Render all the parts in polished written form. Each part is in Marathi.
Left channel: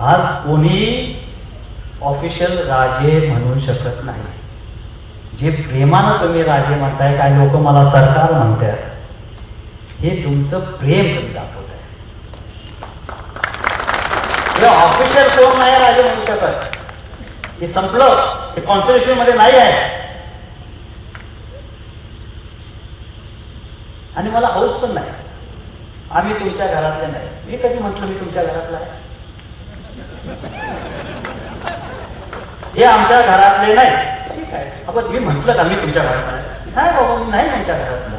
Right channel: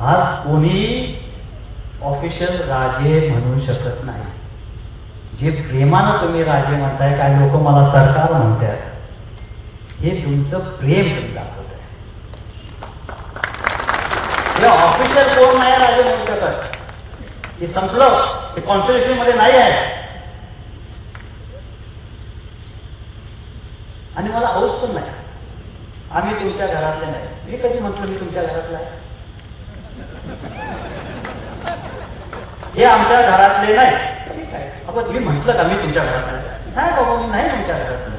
आज कोणी ऑफिशियल राजे म्हणू शकत नाही. जे प्रेमानं तुम्ही राजे म्हणताय, काय लोक मला सरकार म्हणतात, हे तुमचं प्रेम तुम्ही दाखवत आहे. ऑफिशियल कोण नाही राजे म्हणू शकत, हे संपलं, हे कॉन्स्टिट्यूशन मध्ये नाही आहे. आणि मला हौस पण नाही, आम्ही तुमच्या घरातले नाही. मी कधी म्हटलं मी तुमच्या घरातला आहे? हे आमच्या घरातले नाही. ठीक आहे, आपण मी म्हटलं का मी तुमच्या घरातला आहे? नाही बाबा, मी नाही तुमच्या घरातला.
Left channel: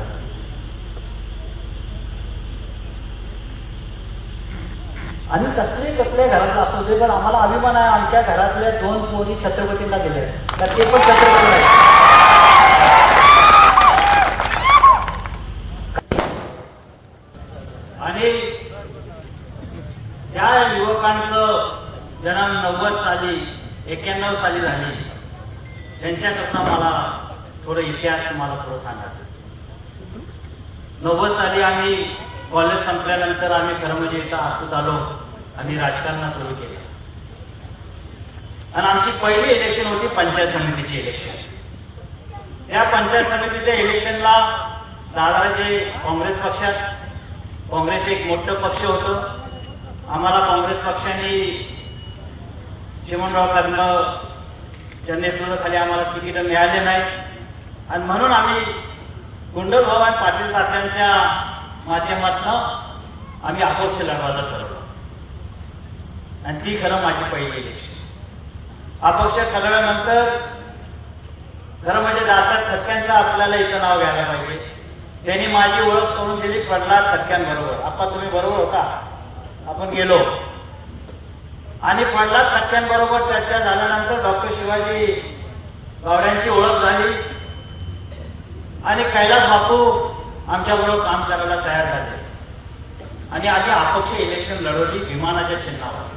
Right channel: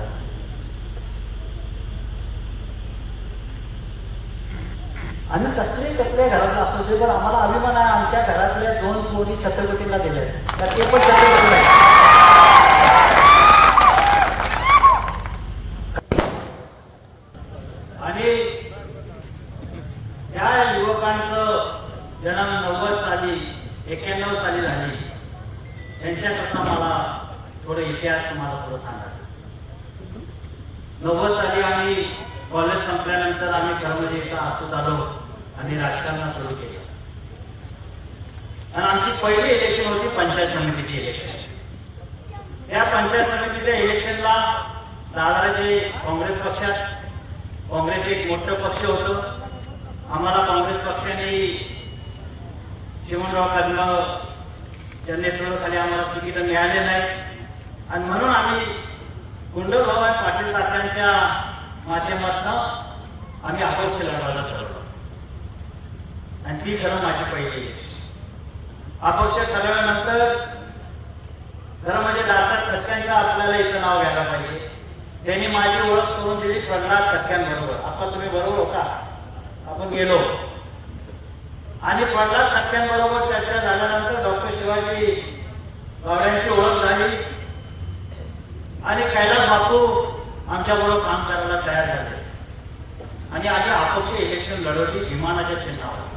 आम्ही कसले कसल्या घरातला असू दे, पण आम्हाला अभिमान आहे आमच्या घरातल्या 2 पोरी छत्रपतींना दिल्या, तर ते पण छत्रपती नाही. आणि ज्या युवकांचं जन्म 90 साली 91 साली झाली, त्यांच्याकडनं मला थोडं इतिहास तुम्हाला थोडं सांगायचं. 90 साली आम्ही कॉलेज संपल्यानंतर आम्ही खरं इथं आसूच आलो आणि राजकारणात सुरू केलं. आणि आमची पहिली इलेक्शन होती पंचायत समितीची इलेक्शन. त्या पंचायत समितीच्या इलेक्शनला दादाराजे काँग्रेस पक्षात, काँग्रेस एक मोठं पक्ष होतं. आम्हाला काँग्रेस पक्षाने चिमणराव कदमच्या नेतृत्वाखाली आम्हाला तिकीट मिळाले नाही. आणि म्हणून आम्ही गुंडलभाऊ पाटील तात्यांच्या माध्यमातून आम्ही अपक्ष लढवायला ठरवलं. आणि ती खरं माझी पहिली इलेक्शन. अपक्ष ठरवल्यानंतर खरं म्हणजे दादा सख्यांचं आपल्याला इथं नाव घ्यायला पाहिजे. त्यांनी माझी ओळख करून दिली प्रल्हाद सख्यांबरोबर. आपण तुम्ही बरोबर होता, आपण गेलो आणि प्रल्हाद सख्यांबरोबर चर्चा झाल्यानंतर डॉक्टर शिवाजी गावड्यांची ओळख झाली आणि कैलास बापू आमच्याबरोबर काम करायला तयार झाले. आणि आम्ही अपक्ष इलेक्शन लढवली विमानाच्या चिन्हावर.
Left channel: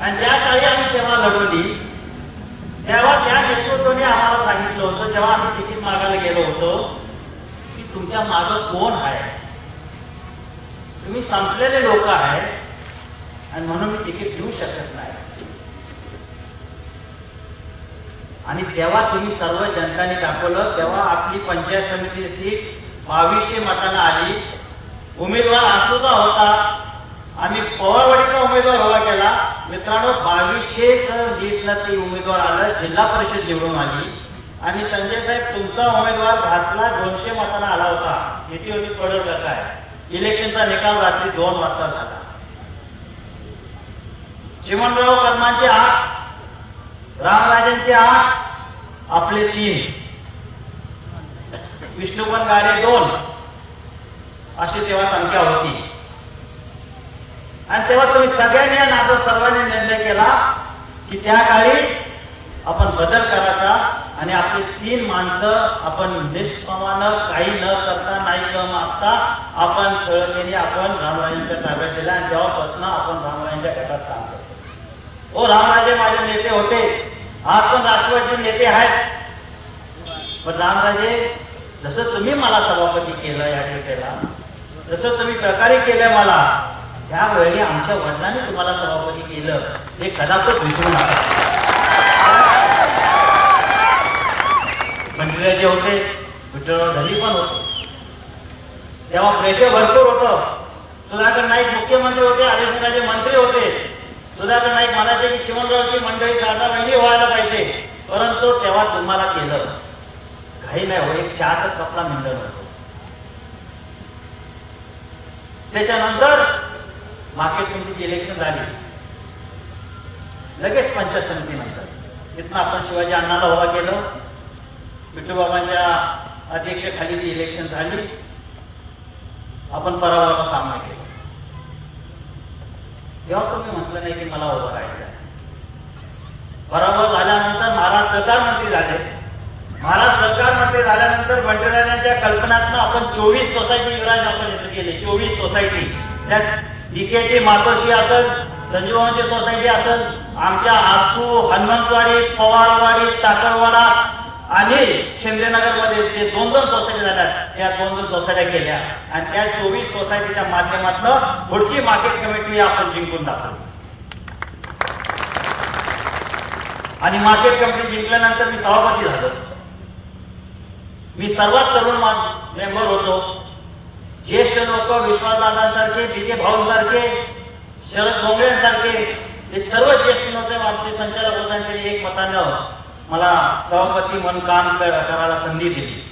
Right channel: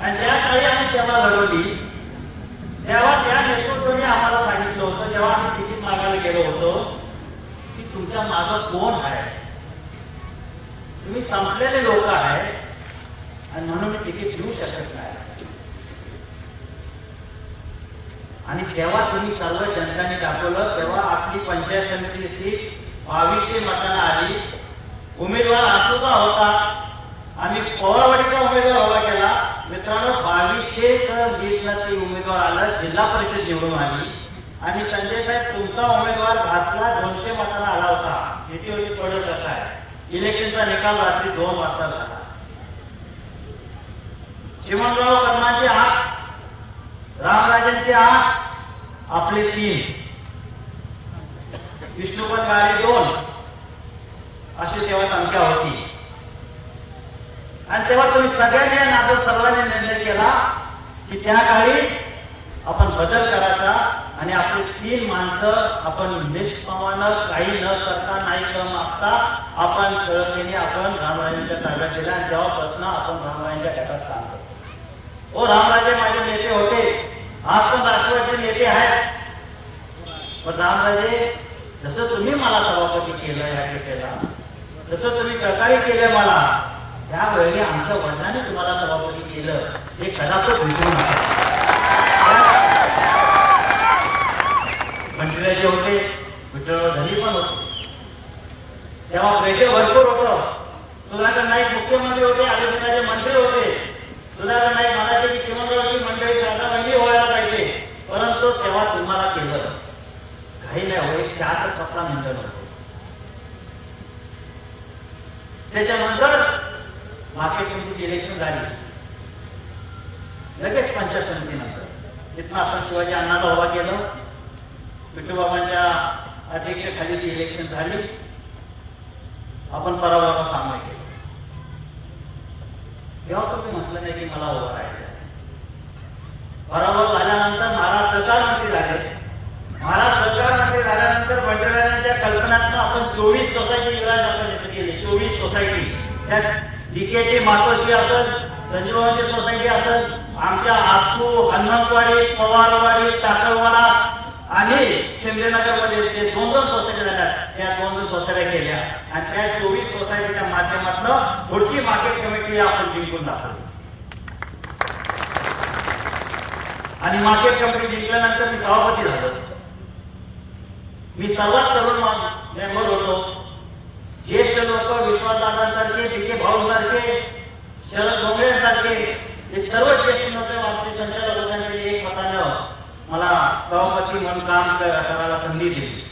आणि ज्या काळी आम्ही तेव्हा लढवली, तेव्हा त्या नेतृत्वाने आम्हाला सांगितलं होतं, जेव्हा आम्ही तिकीट मागायला गेलो होतो, की तुमच्या मागं कोण आहे, तुम्ही संपलेले लोक आहे आणि म्हणून मी तिकीट देऊ शकत नाही. आणि तेव्हा तुम्ही सर्व जनतांनी दाखवलं. तेव्हा आपली पंचायत समिती सीट 2200 मतांना आली. उमेदवार आसूचा होता, आम्ही पवारवाडीचा उमेदवार उभा केला. मित्रांनो, 2200 लीडनं ती उमेदवार आलं, जिल्हा परिषद निवडून आली. आणि संजय साहेब तुमचा उमेदवार घासला 200 मतांना आला होता. किती होती पडलं का काय? इलेक्शनचा निकाल रात्री 2 वाजता झाला. चिमणराव कदमांचे 8, रामराजेंचे 8, आपले 3, विष्णुपन गाडे 2, अशी तेव्हा संख्या होती. आणि तेव्हा तुम्ही सगळ्यांनी नागरिक सर्वांनी निर्णय केला की त्या काळी आपण बदल करायचा आणि आपले 3 माणसं आपण निष्प्रमाण काही न करता नाही न मागता आपण सहजतेने आपण रामराजांच्या ताब्यात दिल्या. आणि तेव्हापासून आपण रामराजांच्या गटात काम करतो. ओ रामराजे माझे नेते होते, आज पण राष्ट्रवादीचे नेते आहेत. पण रामराजे, जसं तुम्ही मला सभापती केलं या टेकेला, जसं तुम्ही सहकार्य केलं मला, त्यावेळी आमच्या वडिलांनी तुम्हाला सभापती केलं, हे कदाचित विसरू नका. मंत्रीराजे होते, विठ्ठलराव धनी पण होते, तेव्हा प्रेशर भरपूर होतं. सुधाकर नाईक मुख्यमंत्री होते, आदित्यराजे मंत्री होते. सुधाकर नाईक म्हणाले की चिमणरावची मंडळी दादा वेगळी व्हायला पाहिजे, परंतु तेव्हा तुम्हाला केलं. काही नाही हो, एक चहाचा कपडा मिळणार होतो. त्याच्यानंतर मार्केट कमिटीची इलेक्शन झाली, लगेच पंचायत समितीनंतर तिथनं आपण शिवाजी अण्णाला उभा केलं. विठोबाबांच्या अध्यक्षतेखाली ती इलेक्शन झाली. आपण पराभवाचा सामना केला. तेव्हा तुम्ही म्हटलं नाही की मला उभं राहायचं. पराभव झाल्यानंतर महाराज सहकार मंत्री झाले. महाराज सहकार मंत्री झाल्यानंतर बंडराजांच्या कल्पनातनं आपण 24 सोसायटी विराज आपण येथे केले. 24 सोसायटी, त्यात डीकेची मातोश्री असेल, संजीवबाबांची सोसायटी असेल, आमच्या आसू, हनुमंतवाडी, पवारवाडी, टाकळवाडा आणि शिंदेनगरमध्ये जे 2 सोसायटी झाल्या त्या 2 सोसायट्या केल्या आणि त्या 24 सोसायटीच्या माध्यमातून पुढची मार्केट कमिटी आपण जिंकून दाखवली. आणि मार्केट कमिटी जिंकल्यानंतर मी सभापती झालो. मी सर्वात तरुण मेंबर होतो. ज्येष्ठ लोक विश्वासदादांसारखे, बीके भाऊंसारखे, शरद डोंगरेंसारखे हे सर्व ज्येष्ठ लोक आपले संचालक होते. एक मतानं मला सभापती म्हणून काम करायला संधी दिली.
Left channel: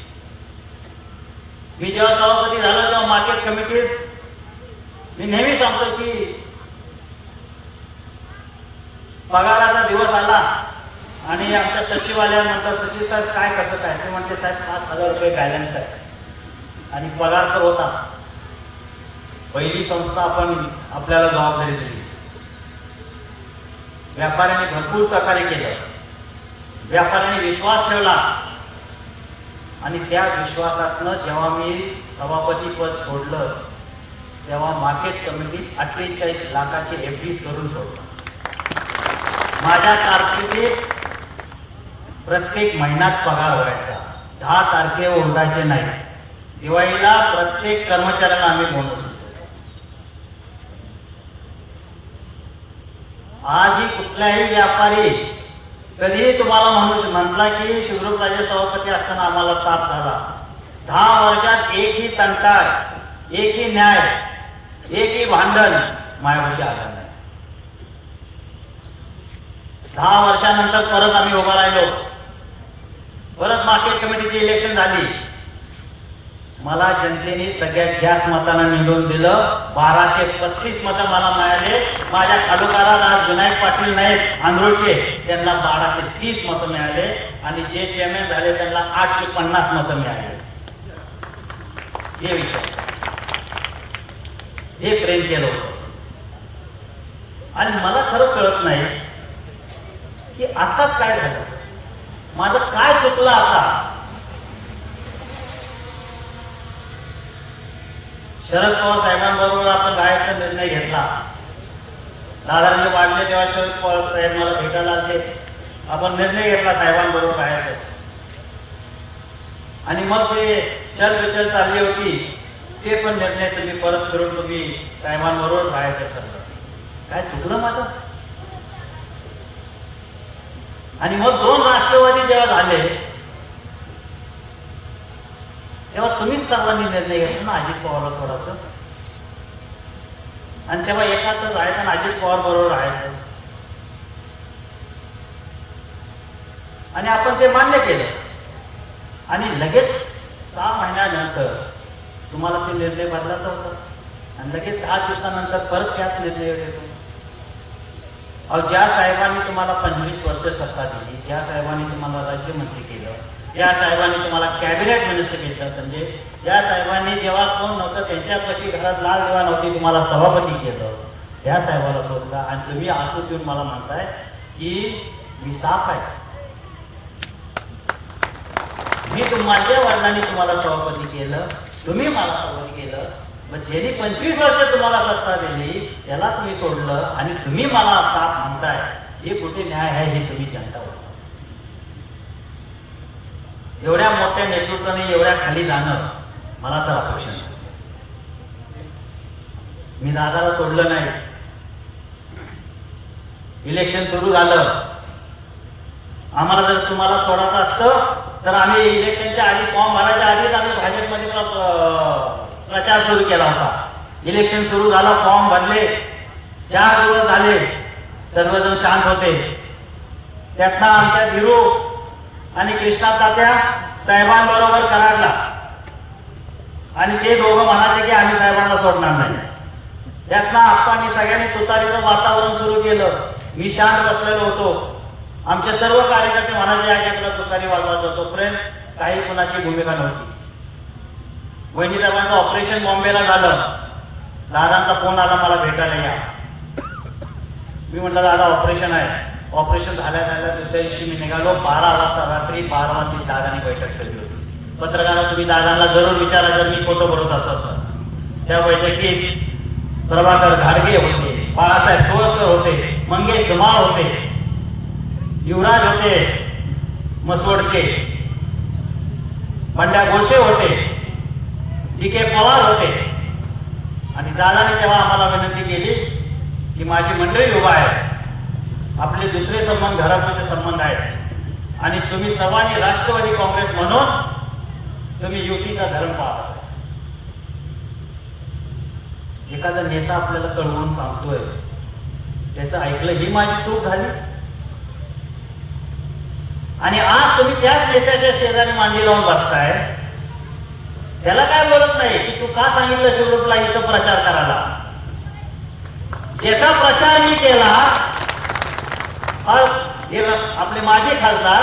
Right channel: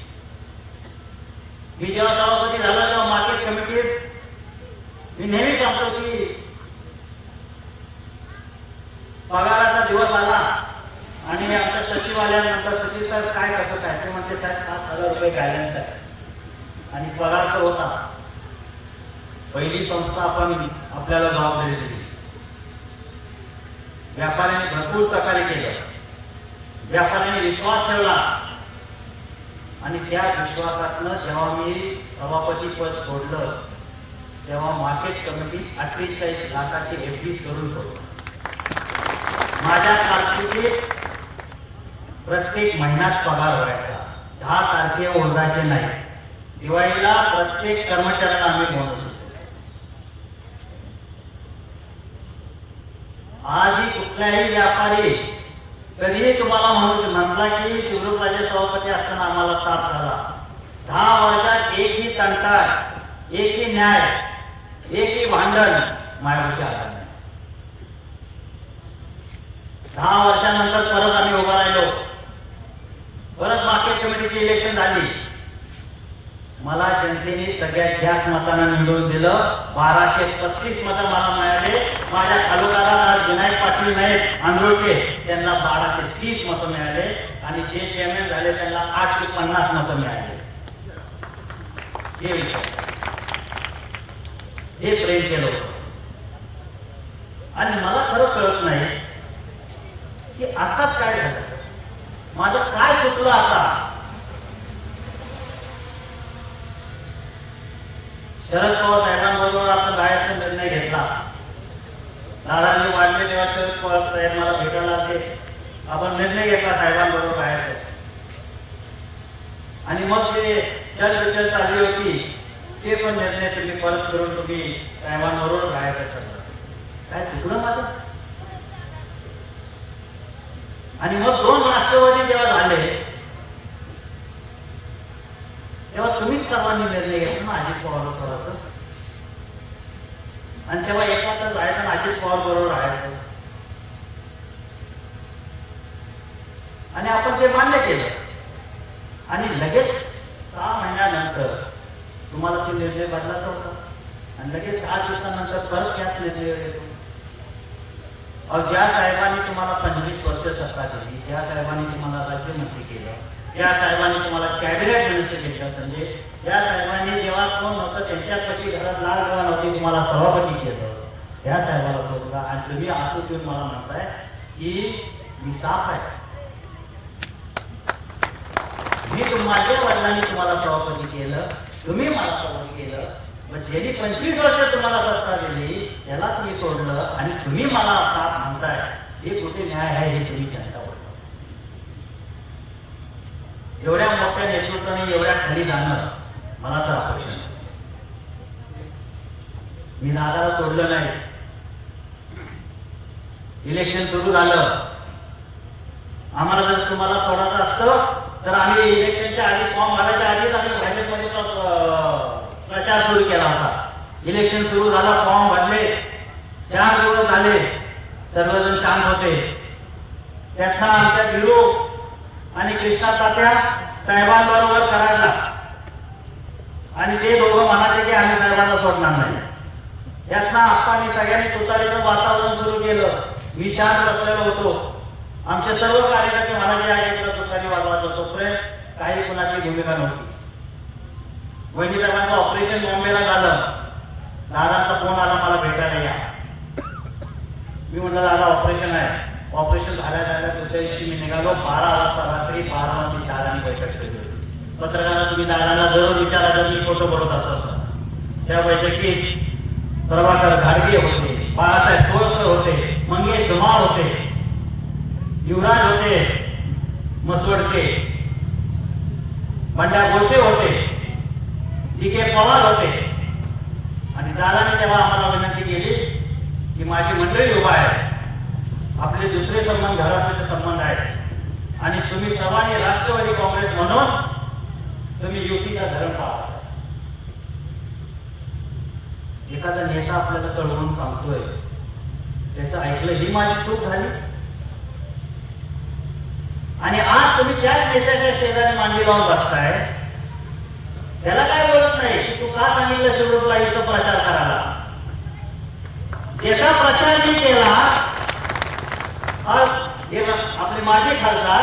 मी जेव्हा सभापती झालो तेव्हा मार्केट कमिटीत मी नेहमी सांगतो की पगाराचा दिवस आला आणि आमच्या सचिवालयात म्हणतात, सचिव साहेब काय कसं काय? ते म्हणते साहेब 5,000 रुपये बॅलन्स आहे आणि पगार तर होता. पहिली संस्था आपण आपल्याला जबाबदारी दिली. व्यापाऱ्यांनी भरपूर सहकार्य केलं. व्यापाऱ्यांनी विश्वास ठेवला आणि त्या विश्वासातनं जेव्हा मी सभापती पद सोडलं तेव्हा मार्केट कमिटी 48 लाखाची FDs करून सोडलं. माझ्या कारकिर्दीत प्रत्येक महिन्यात पगार व्हायचा. 10 तारखेवर ओरडायचे नाही. दिवाळीला प्रत्येक कर्मचाऱ्याला आम्ही बोनस देतो. आजही कुठलाही व्यापारी कधीही तुम्हाला म्हटला की शिवरूपराजे सभापती असताना आम्हाला ताप झाला. 10 वर्षात एकही तंटा, एकही न्याय, एकही भांडण मायापाशी आला नाही. 10 वर्षानंतर परत आम्ही उभा राहिलो. परत मार्केट कमिटीची इलेक्शन झाली. मला जनतेने सगळ्यात जास्त मतांना निवडून दिलं. 1235 मतं मला मिळाले. माझ्या तालुक्याला आज विनायक पाटील नाईक आंधळचे त्यांना 1230 मतं मिळाले आणि जे चेअरमॅन झाले त्यांना 850 मतं मिळाले. हे विचार, हे प्रेम केलं होतं. आणि मला खरं कळत नाही की आताच काय झालं, माझं काय चुकलं. आता शरद पवार साहेबांबरोबर आपण राहायचा निर्णय घेतला. दादाजी वाढले तेव्हा शरद पवार साहेब मला भेटायला आले. आपण निर्णय घेतला साहेबांबरोबर राहायचं. आणि मग जे चर्चा चालली होती ते पण निर्णय तुम्ही परत करून तुम्ही साहेबांबरोबर राहायचं ठरलं. काय चुकलं माझं? आणि मग 2 राष्ट्रवादी जेव्हा झाले तेव्हा तुम्हीच सर्वांनी निर्णय घेतला ना अजित पवारला सोडायचं. आणि तेव्हा एकाच राहायचं आणि अजित पवार बरोबर राहायचं. आणि आपण ते मान्य केलं. आणि लगेच 6 महिन्यानंतर तुम्हाला ते निर्णय बदलायचा होता आणि लगेच 10 दिवसानंतर परत त्याच निर्णय येतो. ज्या साहेबांनी तुम्हाला 25 वर्ष सत्ता दिली, ज्या साहेबांनी तुम्हाला राज्यमंत्री केलं, ज्या साहेबांनी तुम्हाला कॅबिनेट मिनिस्टर केलं, संजय, ज्या साहेबांनी जेव्हा कोण नव्हतं त्यांच्यापाशी घरात लाल दिवा नव्हती तुम्हाला सभापती केलं, त्या साहेबाला सोडला. आणि तुम्ही असं घेऊन मला म्हणताय की मी साफ आहे. मी माझ्या वडिलांनी तुम्हाला सभापती केलं, तुम्ही मला सभापती केलं. मग ज्यांनी 25 वर्ष तुम्हाला सत्ता दिली त्याला तुम्ही सोडलं आणि तुम्ही मला साफ म्हणताय, हे कुठे न्याय आहे हे तुम्ही जाणता. एवढ्या मोठ्या नेतृत्वाने एवढ्या खाली जाणं मला तर अपेक्षा नव्हती. मी दादाला सोडलं नाही. इलेक्शन सुरू झालं. आम्हाला जर तुम्हाला सोडायचं असतं तर आम्ही इलेक्शनच्या आधी फॉर्म भरायच्या आधीच आम्ही भाजपमध्ये प्रचार सुरू केला होता. इलेक्शन सुरू झालं, फॉर्म भरले, 4 दिवस झाले, सर्वजण शांत होते. त्यातनं आमच्या धीरू आणि कृष्णा तात्या साहेबांबरोबर करायला आणि ते दोघं म्हणाले की आम्ही साहेबांना सोडणार नाही. त्यातनं आप्पांनी सगळ्यांनी तुतारीचं वातावरण सुरू केलं. मी शांत बसलेलो होतो. आमचे सर्व कार्यकर्ते म्हणाले या क्षेत्रात तुतारी वाजवायचं. तोपर्यंत काही कुणाची भूमिका नव्हती. वहिनी साहेबांचं ऑपरेशन बॉम्बेला झालं. दादांचा फोन आला मला भेटायला या. मी म्हटलं दादा ऑपरेशन आहे. ऑपरेशन झाल्या दुसऱ्या दिवशी मी निघालो. 12 वाजता, रात्री 12 वाजता दादानी बैठक ठेवली होती. पत्रकारांना तुम्ही दादांना जरूर विचारा जर मी फोटो भरत असं. त्या बैठकीत प्रभाकर घाडगे होते, बाळासाहेब सोळकर होते, मंगेश जमाळ होते, युवराज होते मसवडचे, बंड्या गोडसे होते, डी.के. पवार होते. आणि दादाने तेव्हा आम्हाला विनंती केली की माझी मंडळी उभा आहे, आपले दुसरे संबंध घराचे संबंध आहेत आणि तुम्ही सर्वांनी राष्ट्रवादी काँग्रेस म्हणून तुम्ही युतीचा धर्म पाळा. एखादा नेता आपल्याला कळवून सांगतोय, त्याचं ऐकलं ही माझी चूक झाली. आणि आज तुम्ही त्याच नेत्याच्या शेजारी मांडी लावून बसताय, त्याला काय बोलत नाही की तू का सांगितलं शिवरूपला इथं प्रचार करायला. ज्याचा प्रचार मी केला आपले माजी खासदार,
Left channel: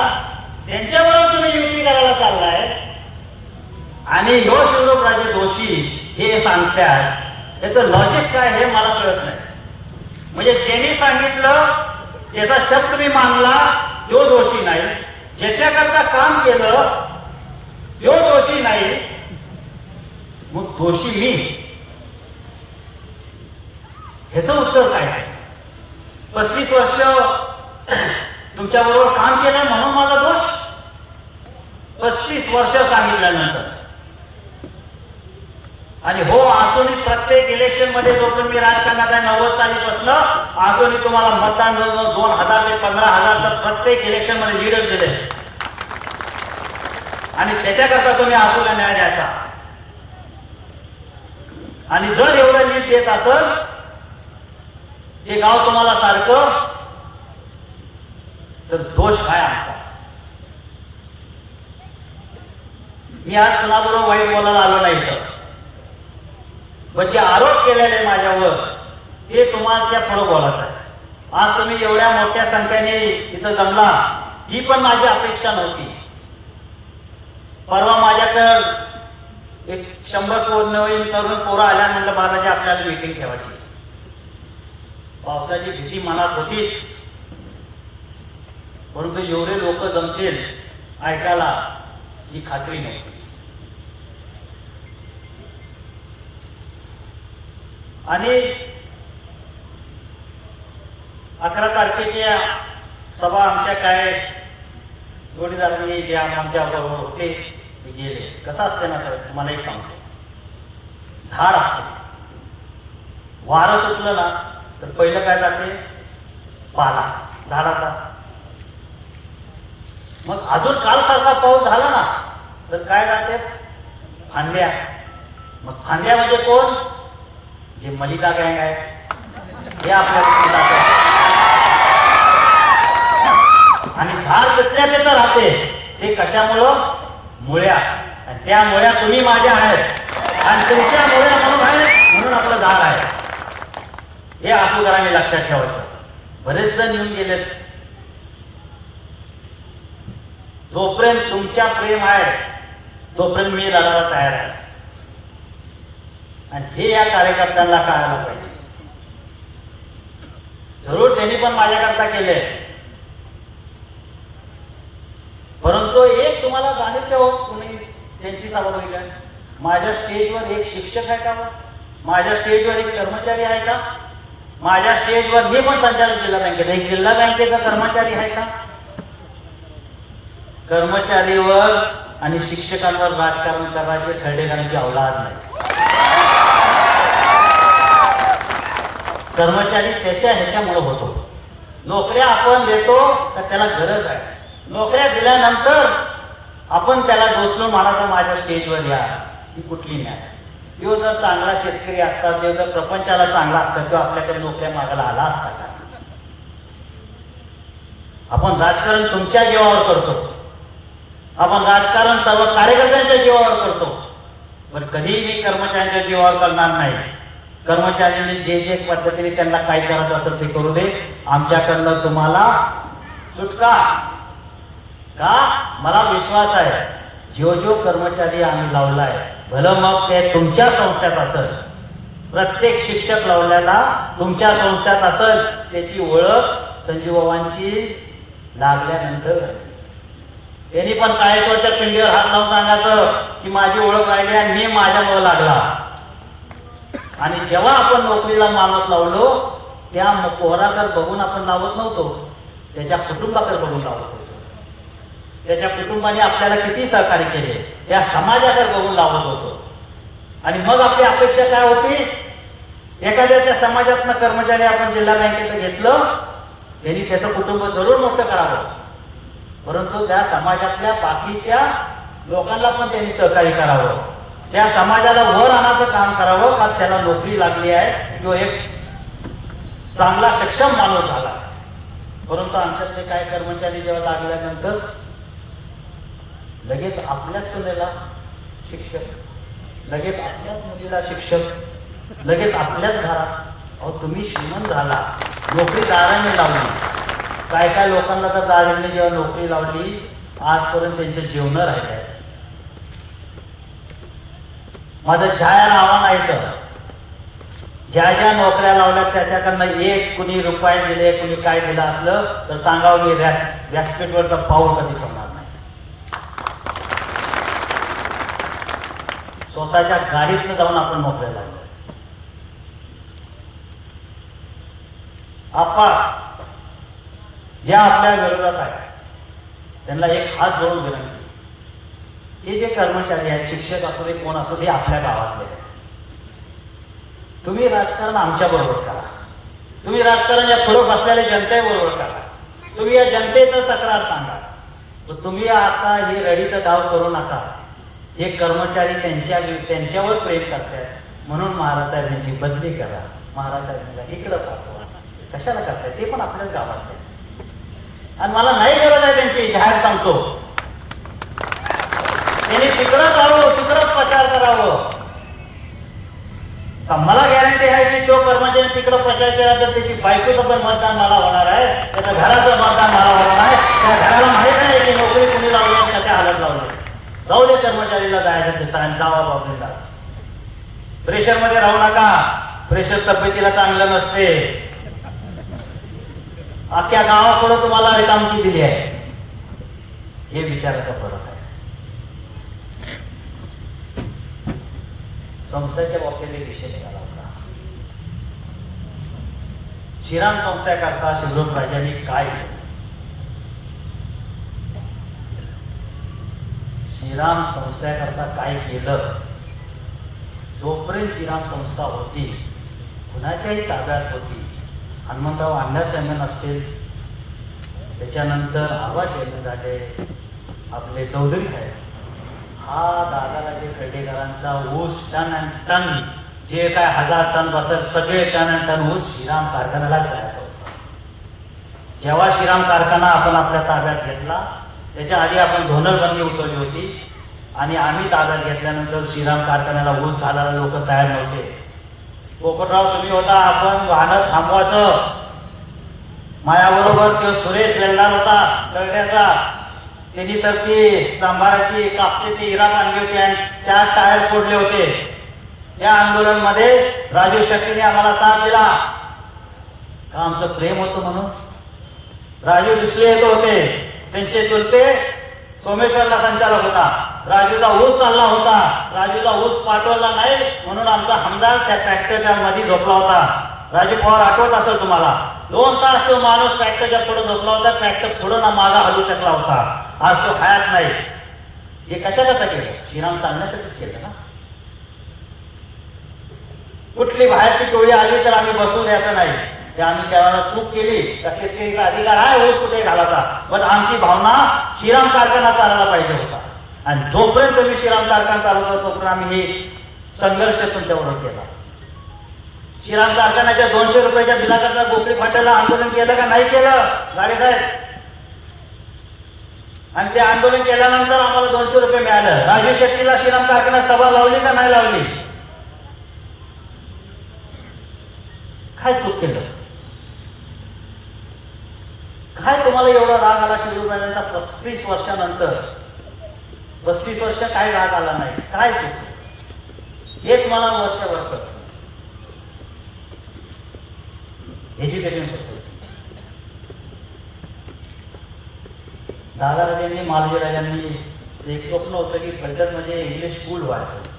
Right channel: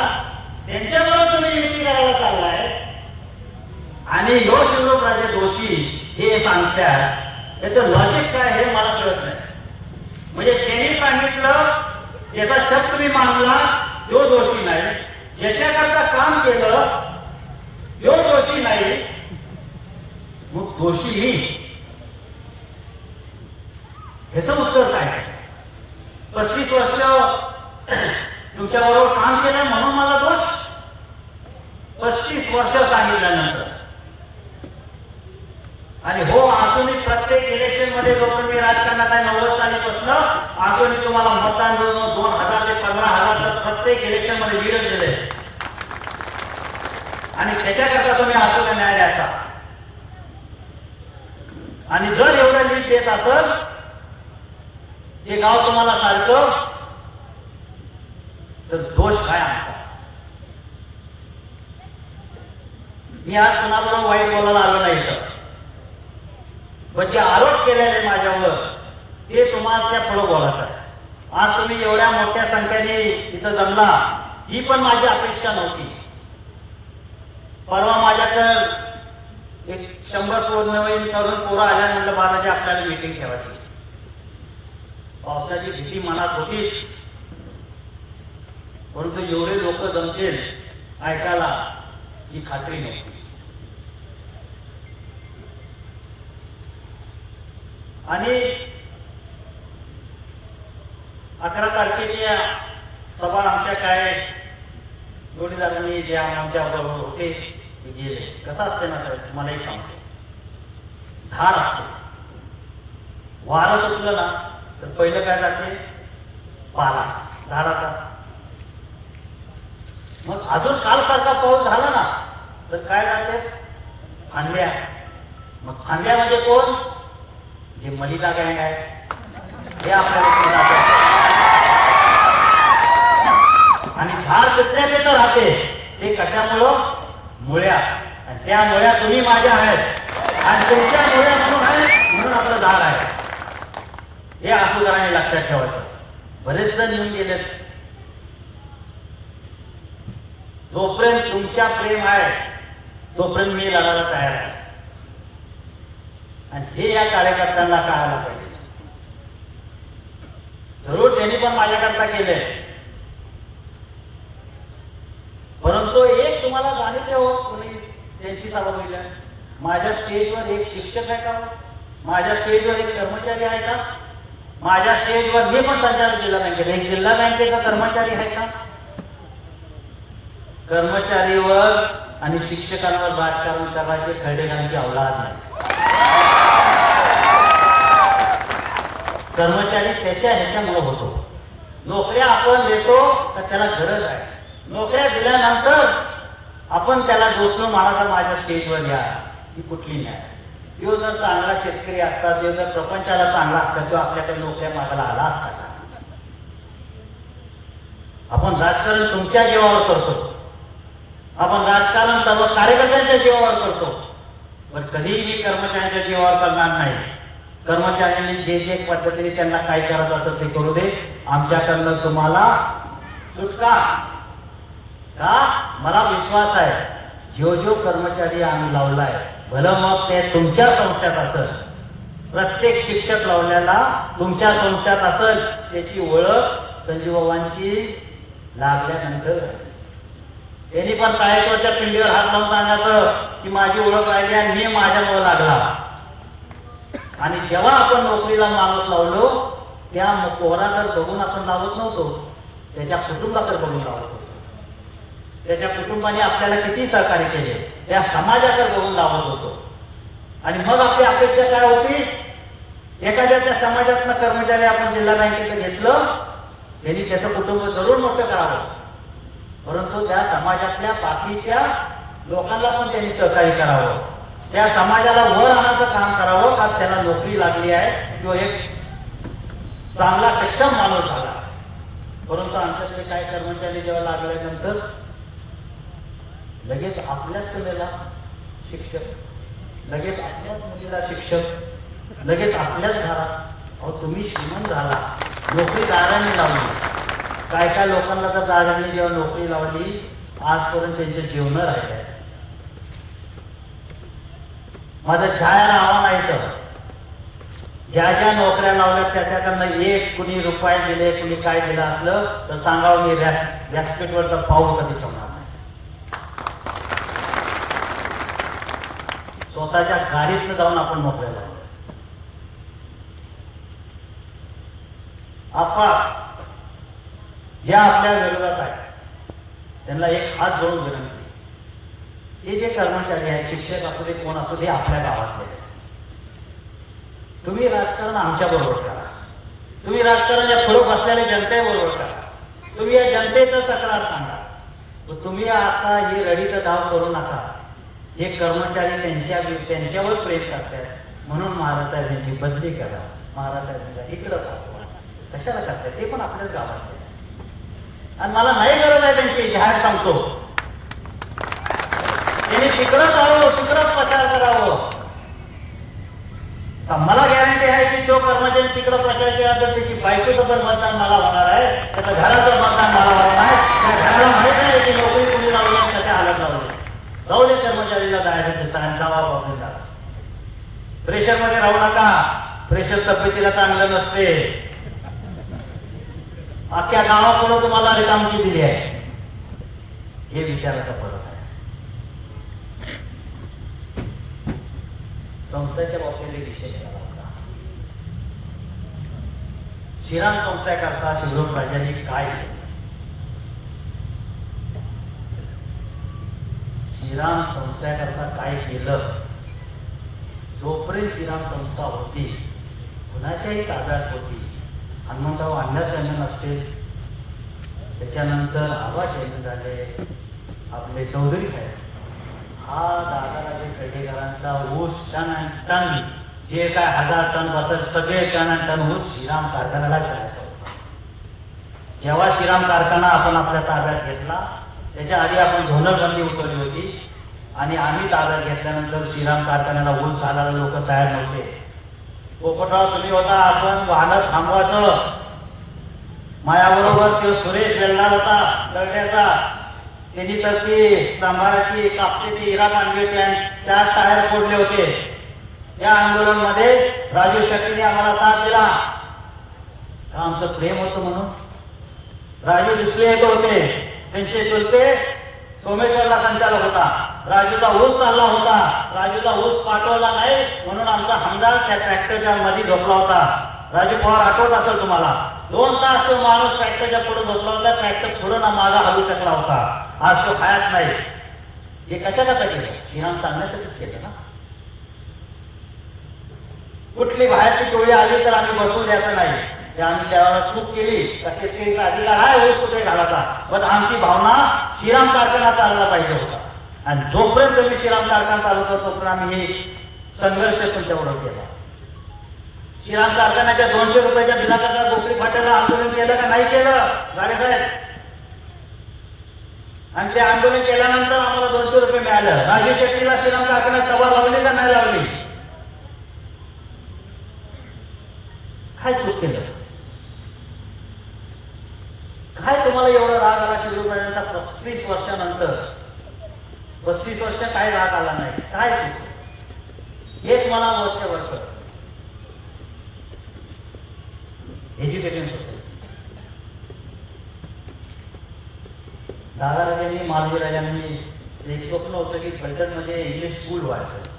त्यांच्याबरोबर तुम्ही युती करायला चाललाय आणि ह्यो शिवरूपराजे दोषी हे सांगतात. याचं लॉजिक काय हे मला कळत नाही. म्हणजे ज्यांनी सांगितलं ज्याचा शब्द मी मानला तो दोषी नाही, ज्याच्याकरता काम केलं तो दोषी नाही, मग दोषी मी. ह्याचं उत्तर काय? 35 वर्ष तुमच्या बरोबर काम केलं म्हणून मला दोष? 35 वर्ष सांगितल्यानंतर आणि हो असूनही प्रत्येक इलेक्शन मध्ये जो तुम्ही राजकारणात आहे 90 सालीपासून अजूनही तुम्हाला मतदान 2000 ते 15,000 प्रत्येक इलेक्शन मध्ये लीडर दिले आणि त्याच्याकरता तुम्ही असून न्याय द्यायचा. आणि जर एवढं लीड देत असेल हे गाव तुम्हाला सारखं, तर दोष काय आमचा? मी आज कुणाबरोबर वाईट बोलायला आलो नाही तर, पण जे आरोप केलेले माझ्यावर ते तुम्हाला पुढे बोलत आहे. आज तुम्ही एवढ्या मोठ्या संख्येने इथं जमला ही पण माझी अपेक्षा नव्हती. परवा माझ्याकडे एक 100 नवीन तरुण पोरं आल्या, म्हणलं बाबाजी आपल्याला मीटिंग ठेवायची. पावसाची भीती मनात होतीच, परंतु एवढे लोक जमतील ऐकायला ही खात्री नव्हती. आणि 11 तारखेच्या सभा आमच्या काय जोडीदारांनी जे आमच्या बरोबर होते ते गेले. कसं असते ना साहेब, मला एक सांगतो, झाड असते, वारं सुटलं ना तर पहिलं काय जाते? पाला झाडाचा. मग अजून कालसारखा पाऊस झाला ना तर काय जाते? फांद्या. मग फांद्या म्हणजे कोण? जे मलिदा गँग आहे हे आपल्याला. आणि झाड तिथल्या तिथं राहते, हे कशामुळं? मुळ्या. त्या मुळ्या तुम्ही माझ्या आहेत आणि तुमच्या मुळ्या म्हणून आहे म्हणून आपलं झाड आहे. हे असुदारांनी लक्षात ठेवायचं. बरेच जण येऊन गेलेत. जोपर्यंत तुमच्या प्रेम आहे तोपर्यंत मी लढायला तयार आहे. आणि हे या कार्यकर्त्यांना कळायला पाहिजे. जरूर त्यांनी पण माझ्याकरता केले, परंतु एक तुम्हाला जाणीव हो, तुम्ही त्यांची सभा बघितल्या. माझ्या स्टेजवर एक शिक्षक आहे का? माझ्या स्टेजवर एक कर्मचारी आहे का? माझ्या स्टेजवर मी पण संचालक जिल्हा बँकेत, एक जिल्हा बँकेचा कर्मचारी आहे का? कर्मचारीवर आणि शिक्षकांवर राजकारण करायचे खर्डेकरांची औलाद नाही. कर्मचारी त्याच्या ह्याच्यामुळे होतो. नोकऱ्या आपण देतो तर त्याला गरज आहे. नोकऱ्या दिल्यानंतर आपण त्याला दोषून म्हणायचा माझ्या स्टेजवर या, ही कुठली नाही. तो जर चांगला शेतकरी असता, तो जर प्रपंचाला चांगला असता, तो आपल्याकडे नोकऱ्या मागायला आला असता का? आपण राजकारण तुमच्या जीवावर करतो, आपण राजकारण सर्व कार्यकर्त्यांच्या जीवावर करतो, पण कधीही मी कर्मचाऱ्यांच्या जीवावर करणार नाही. कर्मचाऱ्यांनी जे जे पद्धतीने त्यांना काय करत असेल ते करू दे. आमच्याकडनं तुम्हाला सुटका का? मला विश्वास आहे, जो कर्मचारी आम्ही लावलाय, भलं मग ते तुमच्या संस्थेत असेल, प्रत्येक शिक्षक लावल्याला तुमच्या संस्थेत असेल, त्याची ओळख संजीवबाबांची लागल्यानंतर त्यांनी पण काळेश्वरच्या पिंडीवर हात लावून सांगायचं की माझी ओळख राहिली आणि मी माझ्यामुळे लागला. आणि जेव्हा आपण नोकरीला माणूस लावलो त्या पोराकडे बघून आपण लावत नव्हतो, त्याच्या कुटुंबाकडे बघून लावत होतो. त्याच्या कुटुंबाने आपल्याला किती सहकार्य केले, त्या समाजाकडे बघून लावत होतो. आणि मग आपली अपेक्षा काय होती, एखाद्याच्या समाजातनं कर्मचारी आपण जिल्हा बँकेत घेतलं, त्यांनी त्याचं कुटुंब जरूर मोठं करावं, परंतु त्या समाजातल्या बाकीच्या लोकांना पण त्यांनी सहकार्य करावं, त्या समाजाला वर आणायचं काम करावं, का त्याला नोकरी लागली आहे, तो एक चांगला सक्षम माणूस झाला. परंतु आमच्यातले काय कर्मचारी जेव्हा लागल्यानंतर लगेच आपल्याच सुनेला शिक्षक, लगेच आपल्याच मुलीला शिक्षक, लगेच आपल्याच घरात. अहो तुम्ही श्रीमंत झाला, नोकरी दाराने लावली. काय काय लोकांना तर दाराने जेव्हा नोकरी लावली, आजपर्यंत त्यांचे जीवन राहिले. माझं जायला आव्हान आहे, तर ज्या ज्या नोकऱ्या लावल्या त्याच्याकडनं एक कुणी रुपये दिले, कुणी काय दिलं असलं तर सांगावं, मी व्यासपीठवरचा पाऊल कधी ठेवणार नाही. स्वतःच्या गाडीतनं जाऊन आपण नोकऱ्या लावल्या. आपण ज्या आपल्या विरोधात आहे त्यांना एक हात जोडून विनंती, हे जे कर्मचारी आहेत, शिक्षक असू दे, कोण असू दे, आपल्या गावातले आहेत, तुम्ही राजकारण आमच्या बरोबर करा. तुम्ही राजकारण या पुढे बसलेल्या जनतेबरोबर करा. तुम्ही या जनतेचं तक्रार सांगा. तर तुम्ही आता हे रडीचा डाव करू नका. हे कर्मचारी त्यांच्यावर प्रेम करतात म्हणून महाराज साहेबांची बदली करा, महाराज साहेबांच्या इकडं पाठवा. कशाला करताय, ते पण आपल्याच गावात. आणि मला नाही गरज आहे त्यांची, जाहीर सांगतो, त्यांनी तिकडं जावं, तिकडंच प्रचार करावं. मला गॅरंटी आहे की जो कर्मचारी तिकडं प्रचार केला तर त्याची बायकोचं पण मतदान मला होणार आहे, त्याचं घराचं मतदान मला होणार आहे. त्या घराला माहित आहे की नोकरी कुणी लावली, कशा हालत लावले. जाऊ दे कर्मचारीला जायचं, जावा बाबा. प्रेशर मध्ये राहू नका, प्रेशर तब्येतीला चांगलं नसते. अख्ख्या गावाकडे तुम्हाला रिकामकी दिली आहे, हे विचाराचा फरक आहे. संस्थेच्या बाबतीत एक विशेष झाला होता. श्रीराम संस्थेकरता शिवराम राजांनी काय केलं, श्रीराम संस्थेकरता काय केलं. जोपर्यंत श्रीराम संस्था होती, कुणाच्याही ताब्यात होती, हनुमंतराव अण्णा चेअरमन असतील, त्याच्यानंतर आबा चेअरमन झाले, आपले चौधरी साहेब, हा दादाराजे कर्डेकरांचा ऊस टन टन जे काय 1000 टन बसत सगळे टन टन ऊस श्रीराम कारखान्याला जायचा होता. जेव्हा श्रीराम कारखाना आपण आपल्या ताब्यात घेतला, त्याच्या आधी आपण धोरणबंदी उठवली होती आणि आम्ही ताब्यात घेतल्यानंतर श्रीराम कारखान्याला ऊस घालायला लोक तयार नव्हते. पोपटराव तुम्ही होता, आपण वाहनं थांबवायचं. माझ्याबरोबर तो सुरेश गेलणार होता कळण्याचा, त्यांनी तर ती सांभाराची कापतेची इराक आणली होती आणि 4 टायर फोडले होते. या आंदोलन मध्ये राजू शेट्टीने आम्हाला साथ दिला, का आमचं प्रेम होतं म्हणून. राजू दुसरे येत होते, त्यांचे चुलते सोमेश्वरला संचालक होता. राजूचा ऊस चालला होता, राजूचा ऊस पाठवला नाही म्हणून आमचा हमदार त्या ट्रॅक्टरच्या मध्ये झोपला होता. राजू पवार आठवत असेल तुम्हाला, 2 तास तो माणूस ट्रॅक्टरच्या पुढे झोपला होता. ट्रॅक्टर पुढे ना मागा हलू शकला होता. आज तो हयात नाही. हे कशाला केलं, श्रीराम चालण्यासाठीच केलं ना. कुठली बाहेरची टोळी आली तर आम्ही बसून द्यायचं नाही, ते आम्ही त्याला चूक केली. शेतकरी अधिकार आहे ऊस कुठे घालायचा, पण आमची भावना श्रीराम कारखाना चालला पाहिजे होता. आणि जोपर्यंत तुम्ही श्रीराम कारखाना चालवतो तोपर्यंत आम्ही हे संघर्ष तुमच्याबरोबर केला. श्रीराम कारखान्याच्या 200 रुपयाच्या बिलाकरता गोपडी फाट्याला आंदोलन केलं का नाही केलं गाडी साहेब? आणि ते आंदोलन केल्यानंतर आम्हाला 200 रुपये मिळालं. राजू शेट्टीला श्रीराम कारखान्यात सभा लावली का नाही लावली? काय चूक केलं, काय तुम्हाला एवढा राग आला शिवरायांचा 35 वर्षानंतर? 35 वर्ष काय राग आला नाही, काय चूक? हेच मला वरच्या वर कर. एज्युकेशन सोसायटी दादाराजांनी मालजीराजांनी एक स्वप्न होतं की गदरमध्ये इंग्लिश स्कूल व्हायचं.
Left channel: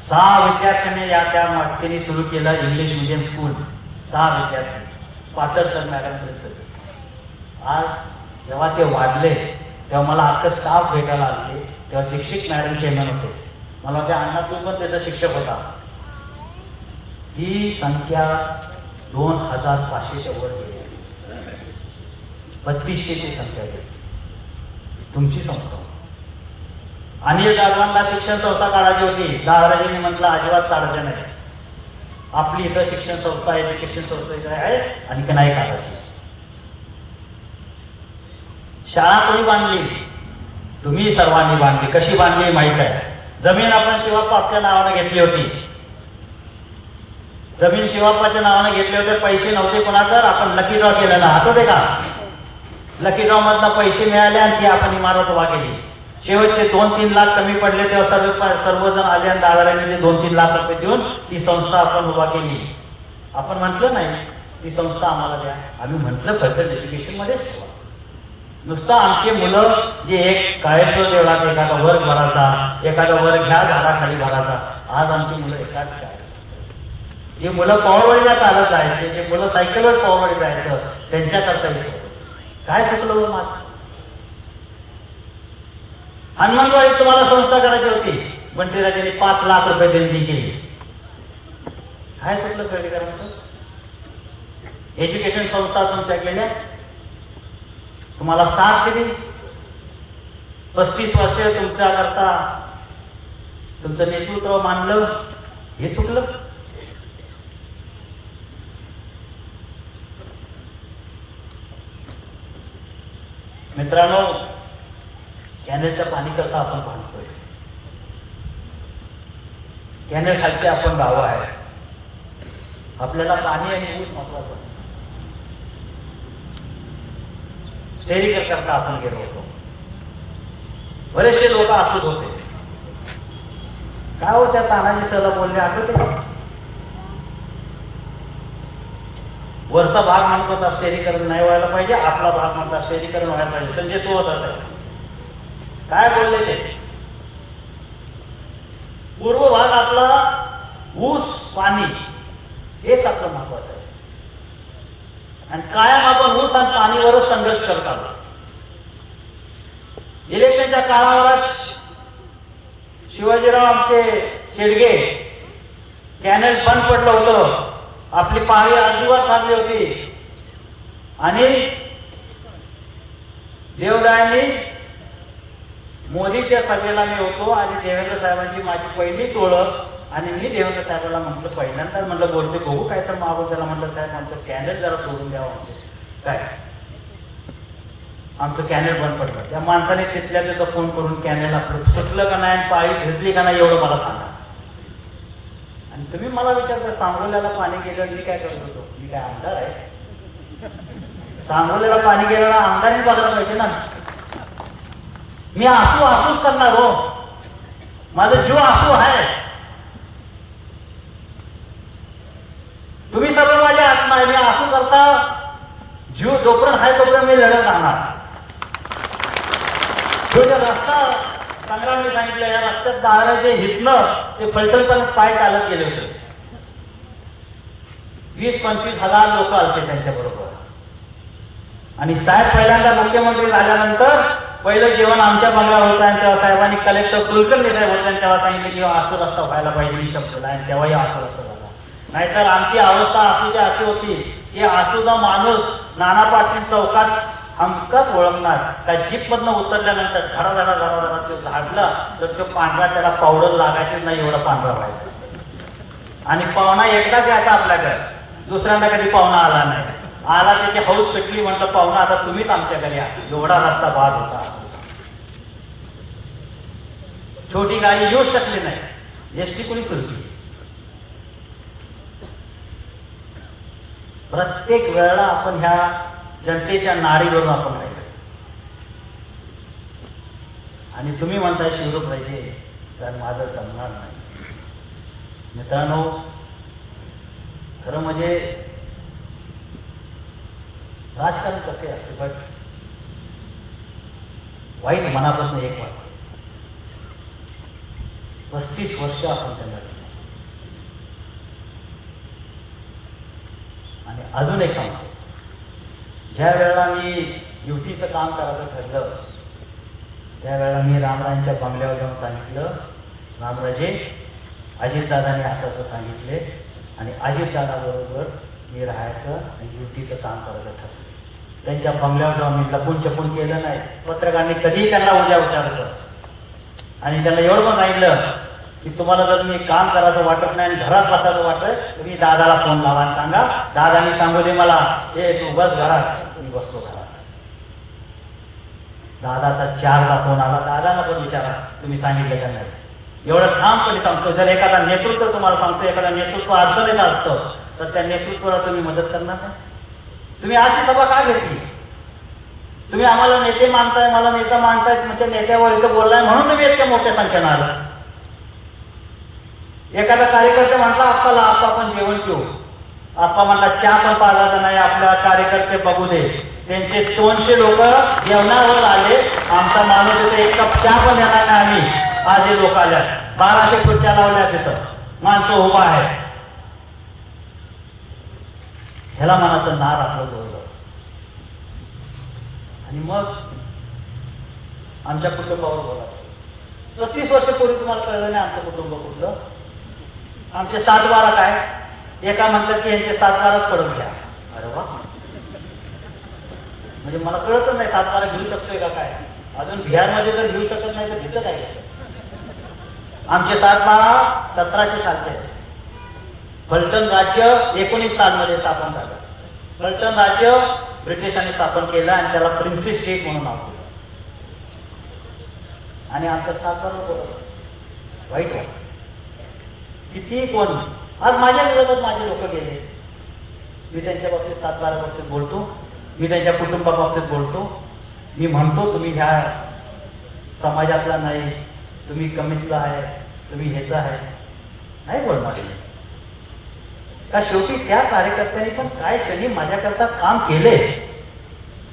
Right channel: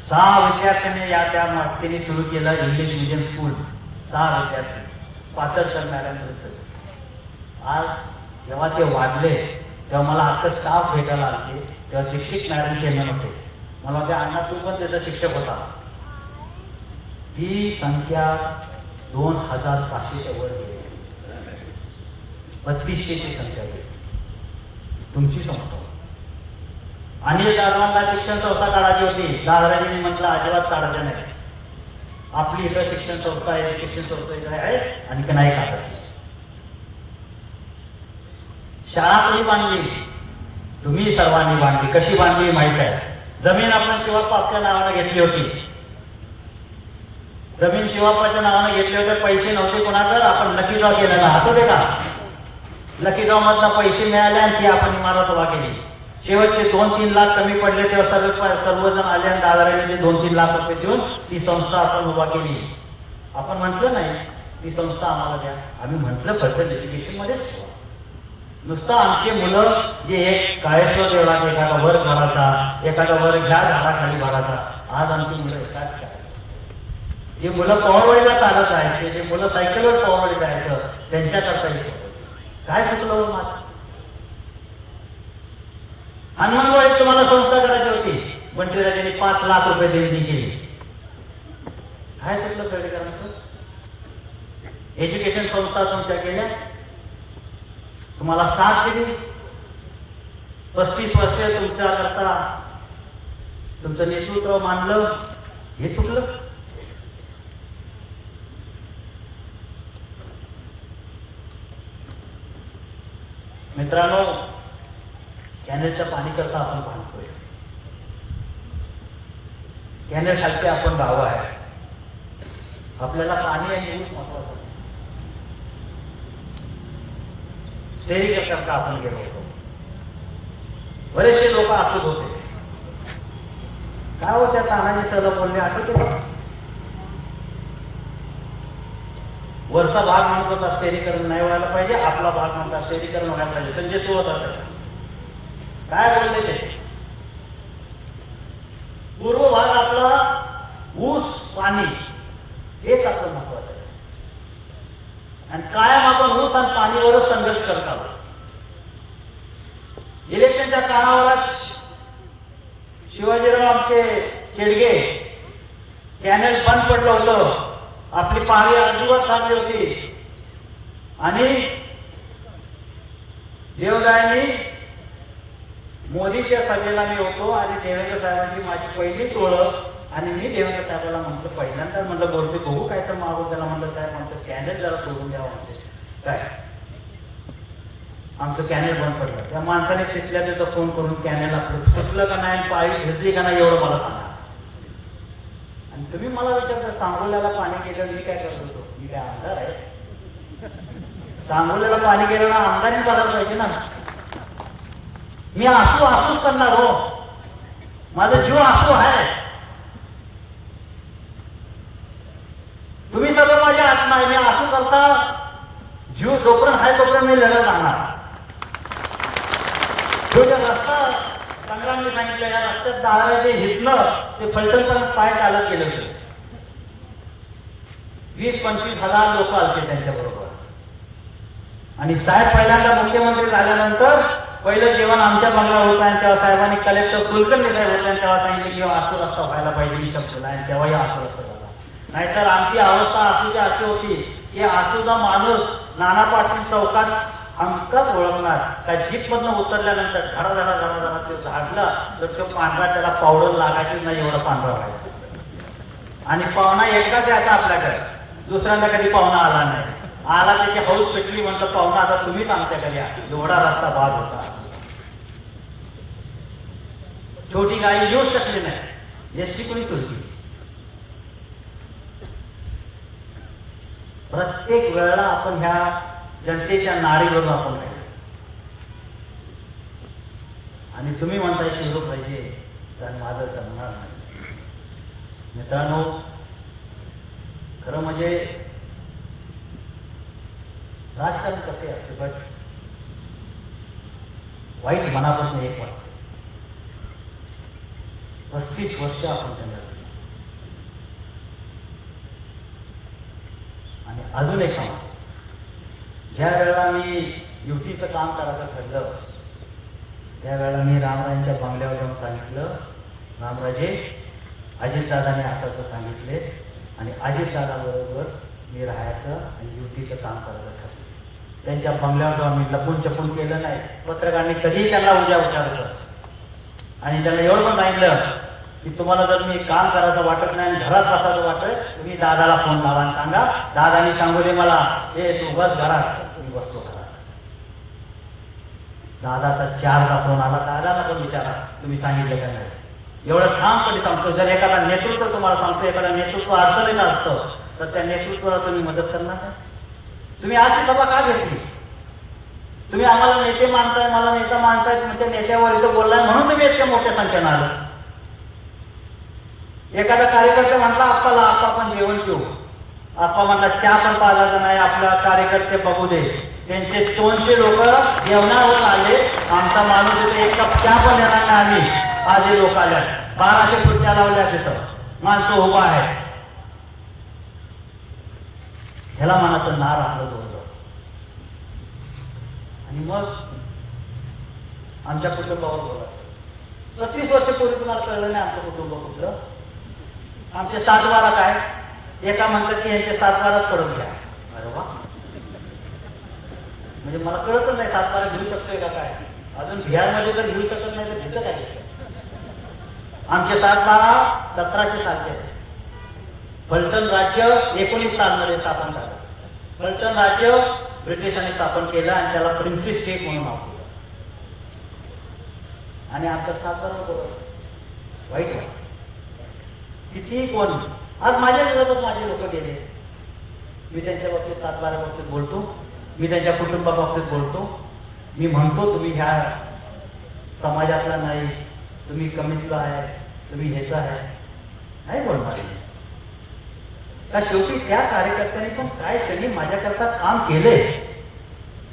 6 विद्यार्थ्यांनी या त्या त्यांनी सुरू केलं इंग्लिश मीडियम स्कूल. 6 विद्यार्थी, पाटणकर मॅडम. आज जेव्हा ते वाढले तेव्हा मला अख्खं स्टाफ भेटायला आले. तेव्हा दीक्षित मॅडम चेअरमन होते. मला ते अण्णा तू पण त्याचा शिक्षक होता. ती संख्या 2500च्या वर गेली. 3200ची संख्या गेली. तुमची संस्था. अनिल दादांना शिक्षण संस्था काढायची होती. दादाजींनी म्हटलं अजिबात काढायचं नाही. आपली इथं शिक्षण संस्था एज्युकेशन संस्था आहे आणि की नाही काढायची. शाळा कोणी बांधली? तुम्ही सर्वांनी बांधली. कशी बांधली माहित आहे. जमीन आपण शिवाप्पाच्या नावाने घेतली होती. जमीन शिवाप्पाच्या नावाने घेतले होते. पैसे नव्हते कोणाचं. आपण लकी ड्रॉ केलं ना, आठवते का? लकी ड्रॉ मधनं पैसे मिळाले आणि ती आपण इमारत उभा केली. शेवटचे 2-3 लाख कमी पडले तेव्हा सर्वजण आले आणि दादारांनी ते 2-3 लाख रुपये देऊन ती संस्था आपण उभा केली. आपण म्हटलं नाही ती संस्था आम्हाला द्या. आम्ही म्हटलं फक्त एज्युकेशन मध्येच ठेवा. नुसतं आमचे मुलं जे एक काळेश्वर देवळात एखादा वर्ग भरायचा, एखादा वर्ग ह्या झाडाखाली भरायचा. आज आमची मुलं एकाच शाळेत. जे मुलं पवारवाडीला चालत जायचे, जे मुलं सायकलवर पवारवाडी जायचं, त्यांच्याकरता काय चुकलं माझं? हनुमानवाडीत तुम्हाला संस्था करायची होती. बंटीराजांनी 5 लाख रुपये देणगी केली. काय चुकलं खेडेकरांचं? एज्युकेशन संस्था तुमच्या केल्या, तुम्हाला साथ दिली. 35 वर्ष तुमच्या करता तुमचं नेतृत्व मानलं. हे चुकलं. मित्रांनो, कॅनेलच्या पाणी करता आपण बांधतोय. कॅनेल खालचे आपण गावं आहे. आपल्याला पाणी आणि ऊस महत्वाचं. स्टेरिंग करता आपण गेलो होतो. बरेचसे लोक असूच होते. काय होत्या तानाजी सहला बोलले आठवते का? वरचा भाग म्हणत होता स्टेरीकरण नाही व्हायला पाहिजे, आपला भाग म्हणता स्टेरीकरण व्हायला पाहिजे. संजय तू होता काय बोलले ते? पूर्व भाग आपला ऊस पाणी हेच आपलं महत्वाचं आहे. आणि कायम आपण ऊस आणि पाणीवरच संघर्ष करतात. इलेक्शनच्या काळावरच शिवाजीराव आमचे शेडगे कॅनल बंद पडलं होतं. आपली पाणी अर्धीवर थांबली होती आणि देवदायांनी मोदीच्या सभेला मी होतो आणि देवेंद्र साहेबांची माझी पहिलीच ओळख. आणि मी देवेंद्र साहेबांना म्हटलं, पहिल्यांदा म्हटलं बोलते बघू काय तर मागून. त्याला म्हटलं साहेब आमचं कॅनल जरा सोडून द्यावं. आमचे काय आमचं कॅनल बंद पडलं. त्या माणसाने तिथल्या तिथं फोन करून कॅनल आपलं सुटलं का नाही, पाळी भिजली का नाही एवढं मला सांगा. आणि तुम्ही मला विचारता सांगोल्याला पाणी गेलं मी काय करत होतो? मी काय आमदार आहे? सांगोल्याला पाणी गेलेला आमदारही बघायला पाहिजे ना. मी आसूच करणार हो. माझा जीव आसू आहे. तुम्ही सगळं माझे आत्मा आहे. मी आसू करता जीव जोपर्यंत आहे तोपर्यंत मी लढत राहणार. जो रस्ता संग्राम मी सांगितलं, या रस्त्यात दाराचे हितलं ते फलटणपर्यंत पाय चालत गेले होते. 20-25 हजार लोक आलते त्यांच्या बरोबर. आणि साहेब पहिल्यांदा मुख्यमंत्री झाल्यानंतर पहिलं जेवण आमच्या बंगल्यावर होतं. आणि तेव्हा साहेबांनी कलेक्टर कुलकर्णी साहेब होते आणि तेव्हा सांगितलं की आसू रस्ता व्हायला पाहिजे. मी शब्द आणि तेव्हाही आसू रस्ता झाला. नाहीतर आमची अवस्था आसूची अशी होती की आसूचा माणूस नाना पाटील चौकात हमकत ओळखणार. त्या जीप मधनं उतरल्यानंतर धडा तो झाडला तर तो पांढरा त्याला पावडर लागायची नाही एवढा पांढरा व्हायचा. आणि पाहुणा एकदाच यायचा आपल्याकडे, दुसऱ्यांदा कधी पाहुणा आला नाही. आला त्याची हौस पेटली, म्हटलं पाहुणा आता तुम्हीच आमच्याकडे या. एवढा रस्ता बाद होता. छोटी गाडी येऊ शकली नाही. एसटी कुणी सुरू केली. प्रत्येक वेळेला आपण ह्या जनतेच्या नाडीवरून आपण राहिलो. आणि तुम्ही म्हणताय शिवरूप पाहिजे, तर माझं जमणार नाही. मित्रांनो, खरं म्हणजे राजकारण कसे असते बट वाईट मनापासून एक वाट. 35 वर्ष आपण त्यांना दिलं. आणि अजून एक सांगतो, ज्या वेळेला मी युतीचं काम करायचं ठरलं त्यावेळेला मी रामराजांच्या बंगल्यावर जाऊन सांगितलं, रामराजे अजितदादांनी असं असं सांगितले आणि अजितदादाबरोबर मी राहायचं आणि युतीचं काम करायचं ठरलं. त्यांच्या बंगल्यावर जाऊन मी लपून छपून केलं नाही. पत्रकारांनी कधीही त्यांना उद्या विचारायचं आणि त्यांना एवढं पण सांगितलं की तुम्हाला जर मी काम करायचं वाटत नाही आणि घरात बसायचं वाटत तुम्ही दादाला फोन लावा आणि सांगा, दादानी सांगू दे मला, हे तू बस घरात, मी बसतो घरात. दादाचा 4दा फोन आला. दादाला पण विचारा तुम्ही सांगितलं का नाही. एवढं ठामपणे सांगतो, जर एखादा नेतृत्व तुम्हाला सांगतो, एखादा नेतृत्व अडचणीत असतं तर त्या नेतृत्वाला तुम्ही मदत करणार नाही. तुम्ही आजची सभा का घेतली? तुम्ही आम्हाला नेते मानताय, मला नेता मानताय, तुमच्या नेत्यावर इथं बोललाय म्हणून तुम्ही इतक्या मोठ्या संख्येनं आलं. एखादा कार्यकर्ते म्हटला आप्पाला, आप्पा आपण जेवण पिऊ. आप्पा म्हटला चहा पण पाजायचा नाही, आपल्या कार्यकर्ते बघू दे. त्यांचे 200 लोक जेवणावर आले. आमचा माणूस होते, एक कप चहा पण घेणार नाही आम्ही. आज हे लोक आल्या, 1200 खुर्च्या लावल्या तिथं, माणसं उभा आहे. ह्याला मनाचं नार आपलं जवळ. आणि मग आमच्या कुटुंबावर बोलायचं. 35 वर्षापूर्वी तुम्हाला कळलं नाही आमचं कुटुंब कुठलं. आमचे 7 बारा काय, एका म्हटलं की यांचे 7 बाराच पडून घ्या. अरे वा, म्हणजे मला कळतच नाही 7 बारा घेऊ शकतोय का काय. अजून बिहारमध्ये जर घेऊ शकत नाही तर तिथं काय. आमचे 7 बारा 1700 सालचे. फलटण राज्य 19 सालमध्ये स्थापन झालं. फलटण राज्य ब्रिटिशांनी स्थापन केलं आणि त्याला प्रिन्सी स्टेट म्हणून नाव दिलं. आणि आमच्या 7 बारा बोलत वाईट वाट किती कोण. आज माझ्या विरोधात माझे लोक गेले. मी त्यांच्या बाबतीत 7 बारा बाबतीत बोलतो, मी त्यांच्या कुटुंबाबाबतीत बोलतो. मी म्हणतो तुम्ही ह्या समाजातला नाही, तुम्ही कमीतला आहे, तुम्ही ह्याचा आहे, नाही बोलणार का. शेवटी त्या कार्यकर्त्यांनी पण काय क्षणी माझ्याकरता काम केले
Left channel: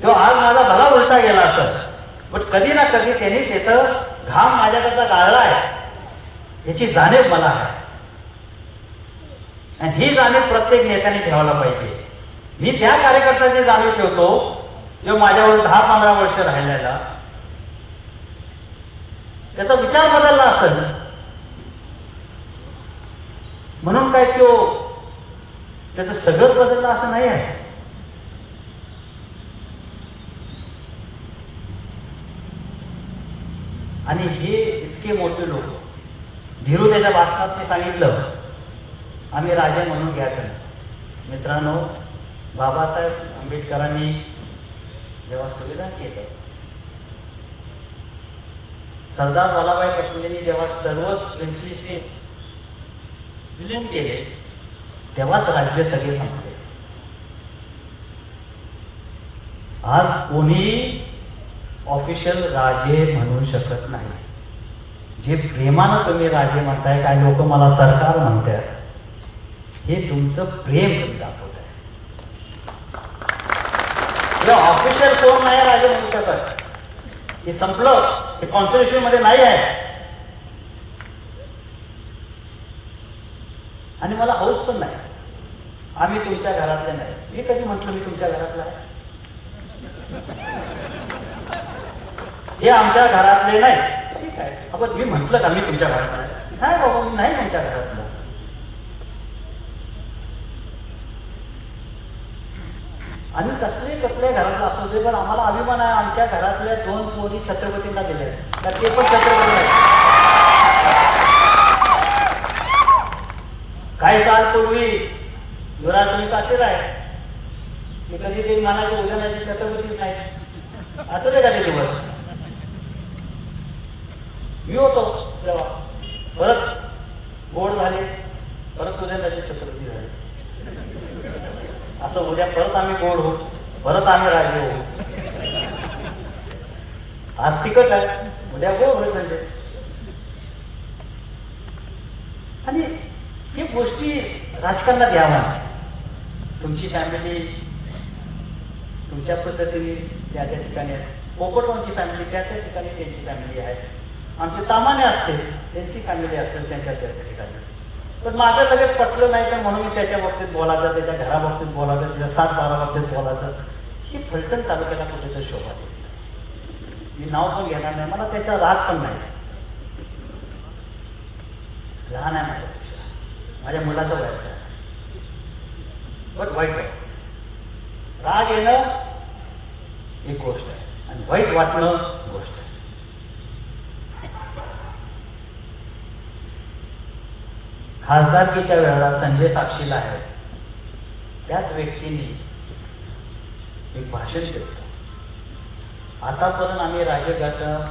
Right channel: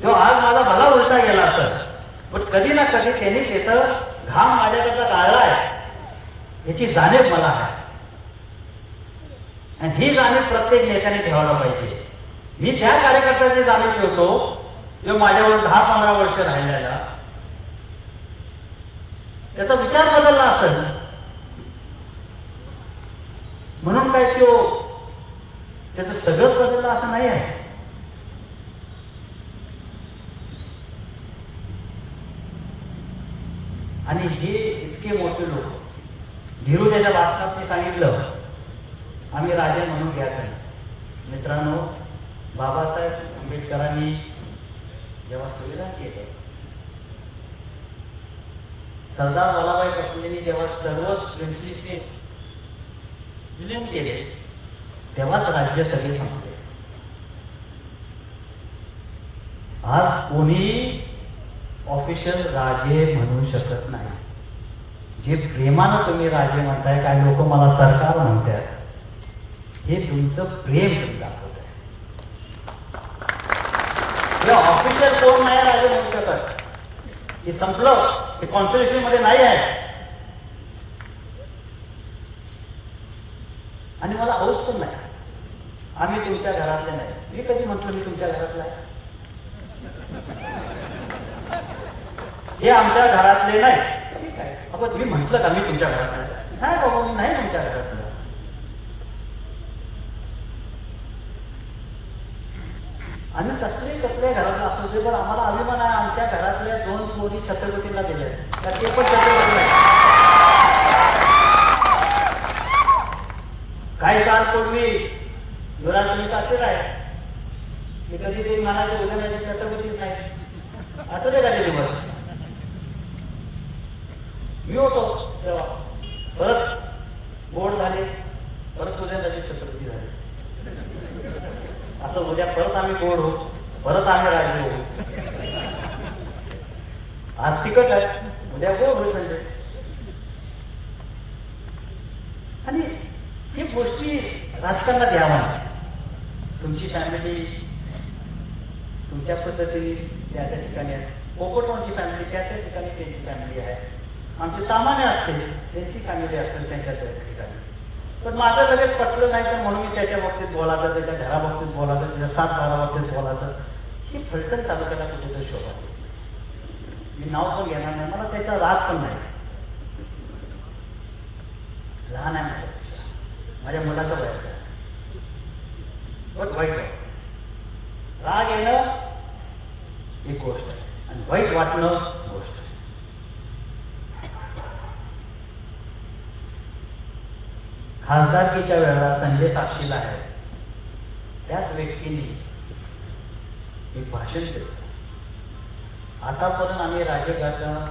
तो आज माझा भला उलटा गेला असं. पण कधी ना कधी त्यांनी त्याचं घाम माझ्याकरता गाळला आहे याची जाणीव मला आहे. आणि ही जाणीव प्रत्येक नेत्याने ठेवायला पाहिजे. मी त्या कार्यकर्त्याची जाणीव ठेवतो जो माझ्यावर 10-15 वर्ष राहिलेला, त्याचा विचार बदलला असेल म्हणून काय तो त्याचं सगळं बदललं असं नाही आहे. आणि हे इतके मोठे लोक, धीरू त्याच्या भाषणात सांगितलं आम्ही राजे म्हणून घ्यायचं. मित्रांनो, बाबासाहेब आंबेडकरांनी जेव्हा संविधान केलं, सरदार वल्लभभाई पटेलांनी जेव्हा सर्व प्रिन्सली स्टेट विलीन केले तेव्हाच राज्य सगळे संपले. आज कोणी ऑफिशियल राजे म्हणू शकत नाही. जे प्रेमानं तुम्ही राजे म्हणताय, काय लोक मला सरकार म्हणतात, हे तुमचं प्रेम दाखवत आहे. ऑफिशियल कोण नाही राजे म्हणू शकत. हे संपलं, हे कॉन्स्टिट्यूशन मध्ये नाही आहे. आणि मला हौस पण नाही आम्ही तुमच्या घरातले नाही. मी कधी म्हटलं मी तुमच्या घरातला आहे? हे आमच्या घरातले नाही. ठीक आहे, आपण मी म्हटलं का मी तुमच्या घरातला नाही? बाबा, मी नाही तुमच्या घरातला. आम्ही कसले कसल्या घरातला असू दे, पण आम्हाला अभिमान आहे आमच्या घरातल्या 2 पोरी छत्रपतींना दिल्या, तर ते पण छत्रपती आहे. काही सालपूर्वी घरात तुम्ही साक्षीला आहे मी कधी ते म्हणायचं उद्या नाही छत्रपतीच नाही. आठवले का ते दिवस? मी होतो तेव्हा. परत गोड झाले, परत उद्या त्याचे छत्रपती झाले. असं उद्या परत आम्ही गोड होऊ, परत आम्ही राजे होऊ. आज तिकट आहे, उद्या गोड होऊ शकते. आणि ही गोष्टी राजकारणात यावा. तुमची फॅमिली तुमच्या पद्धतीने त्या त्या ठिकाणी आहे. पोपटवांची फॅमिली त्या त्या ठिकाणी त्यांची फॅमिली आहे. आमचे तामाने असते त्यांची फॅमिली असेल त्यांच्या त्या ठिकाणी. पण माझं लगेच पटलं नाही तर म्हणून मी त्याच्या बाबतीत बोलायचं, त्याच्या घराबाबतीत बोलायचं, त्याच्या 7-12 बाबतीत बोलायचं. ही फलटण तालुक्याला कुठेतरी शोभा. मी नाव पण घेणार नाही, मला त्याचा राग पण नाही. लहान आहे माझ्यापेक्षा, माझ्या मुलाच्या वयाचा आहे, पण वाईट वाटत. राग येणं एक गोष्ट आहे आणि वाईट वाटणं गोष्ट आहे. खासदारकीच्या वेळेला संजय साक्षीला आहे, त्याच व्यक्तीने एक भाषण केलं. आतापर्यंत आम्ही राजकारणात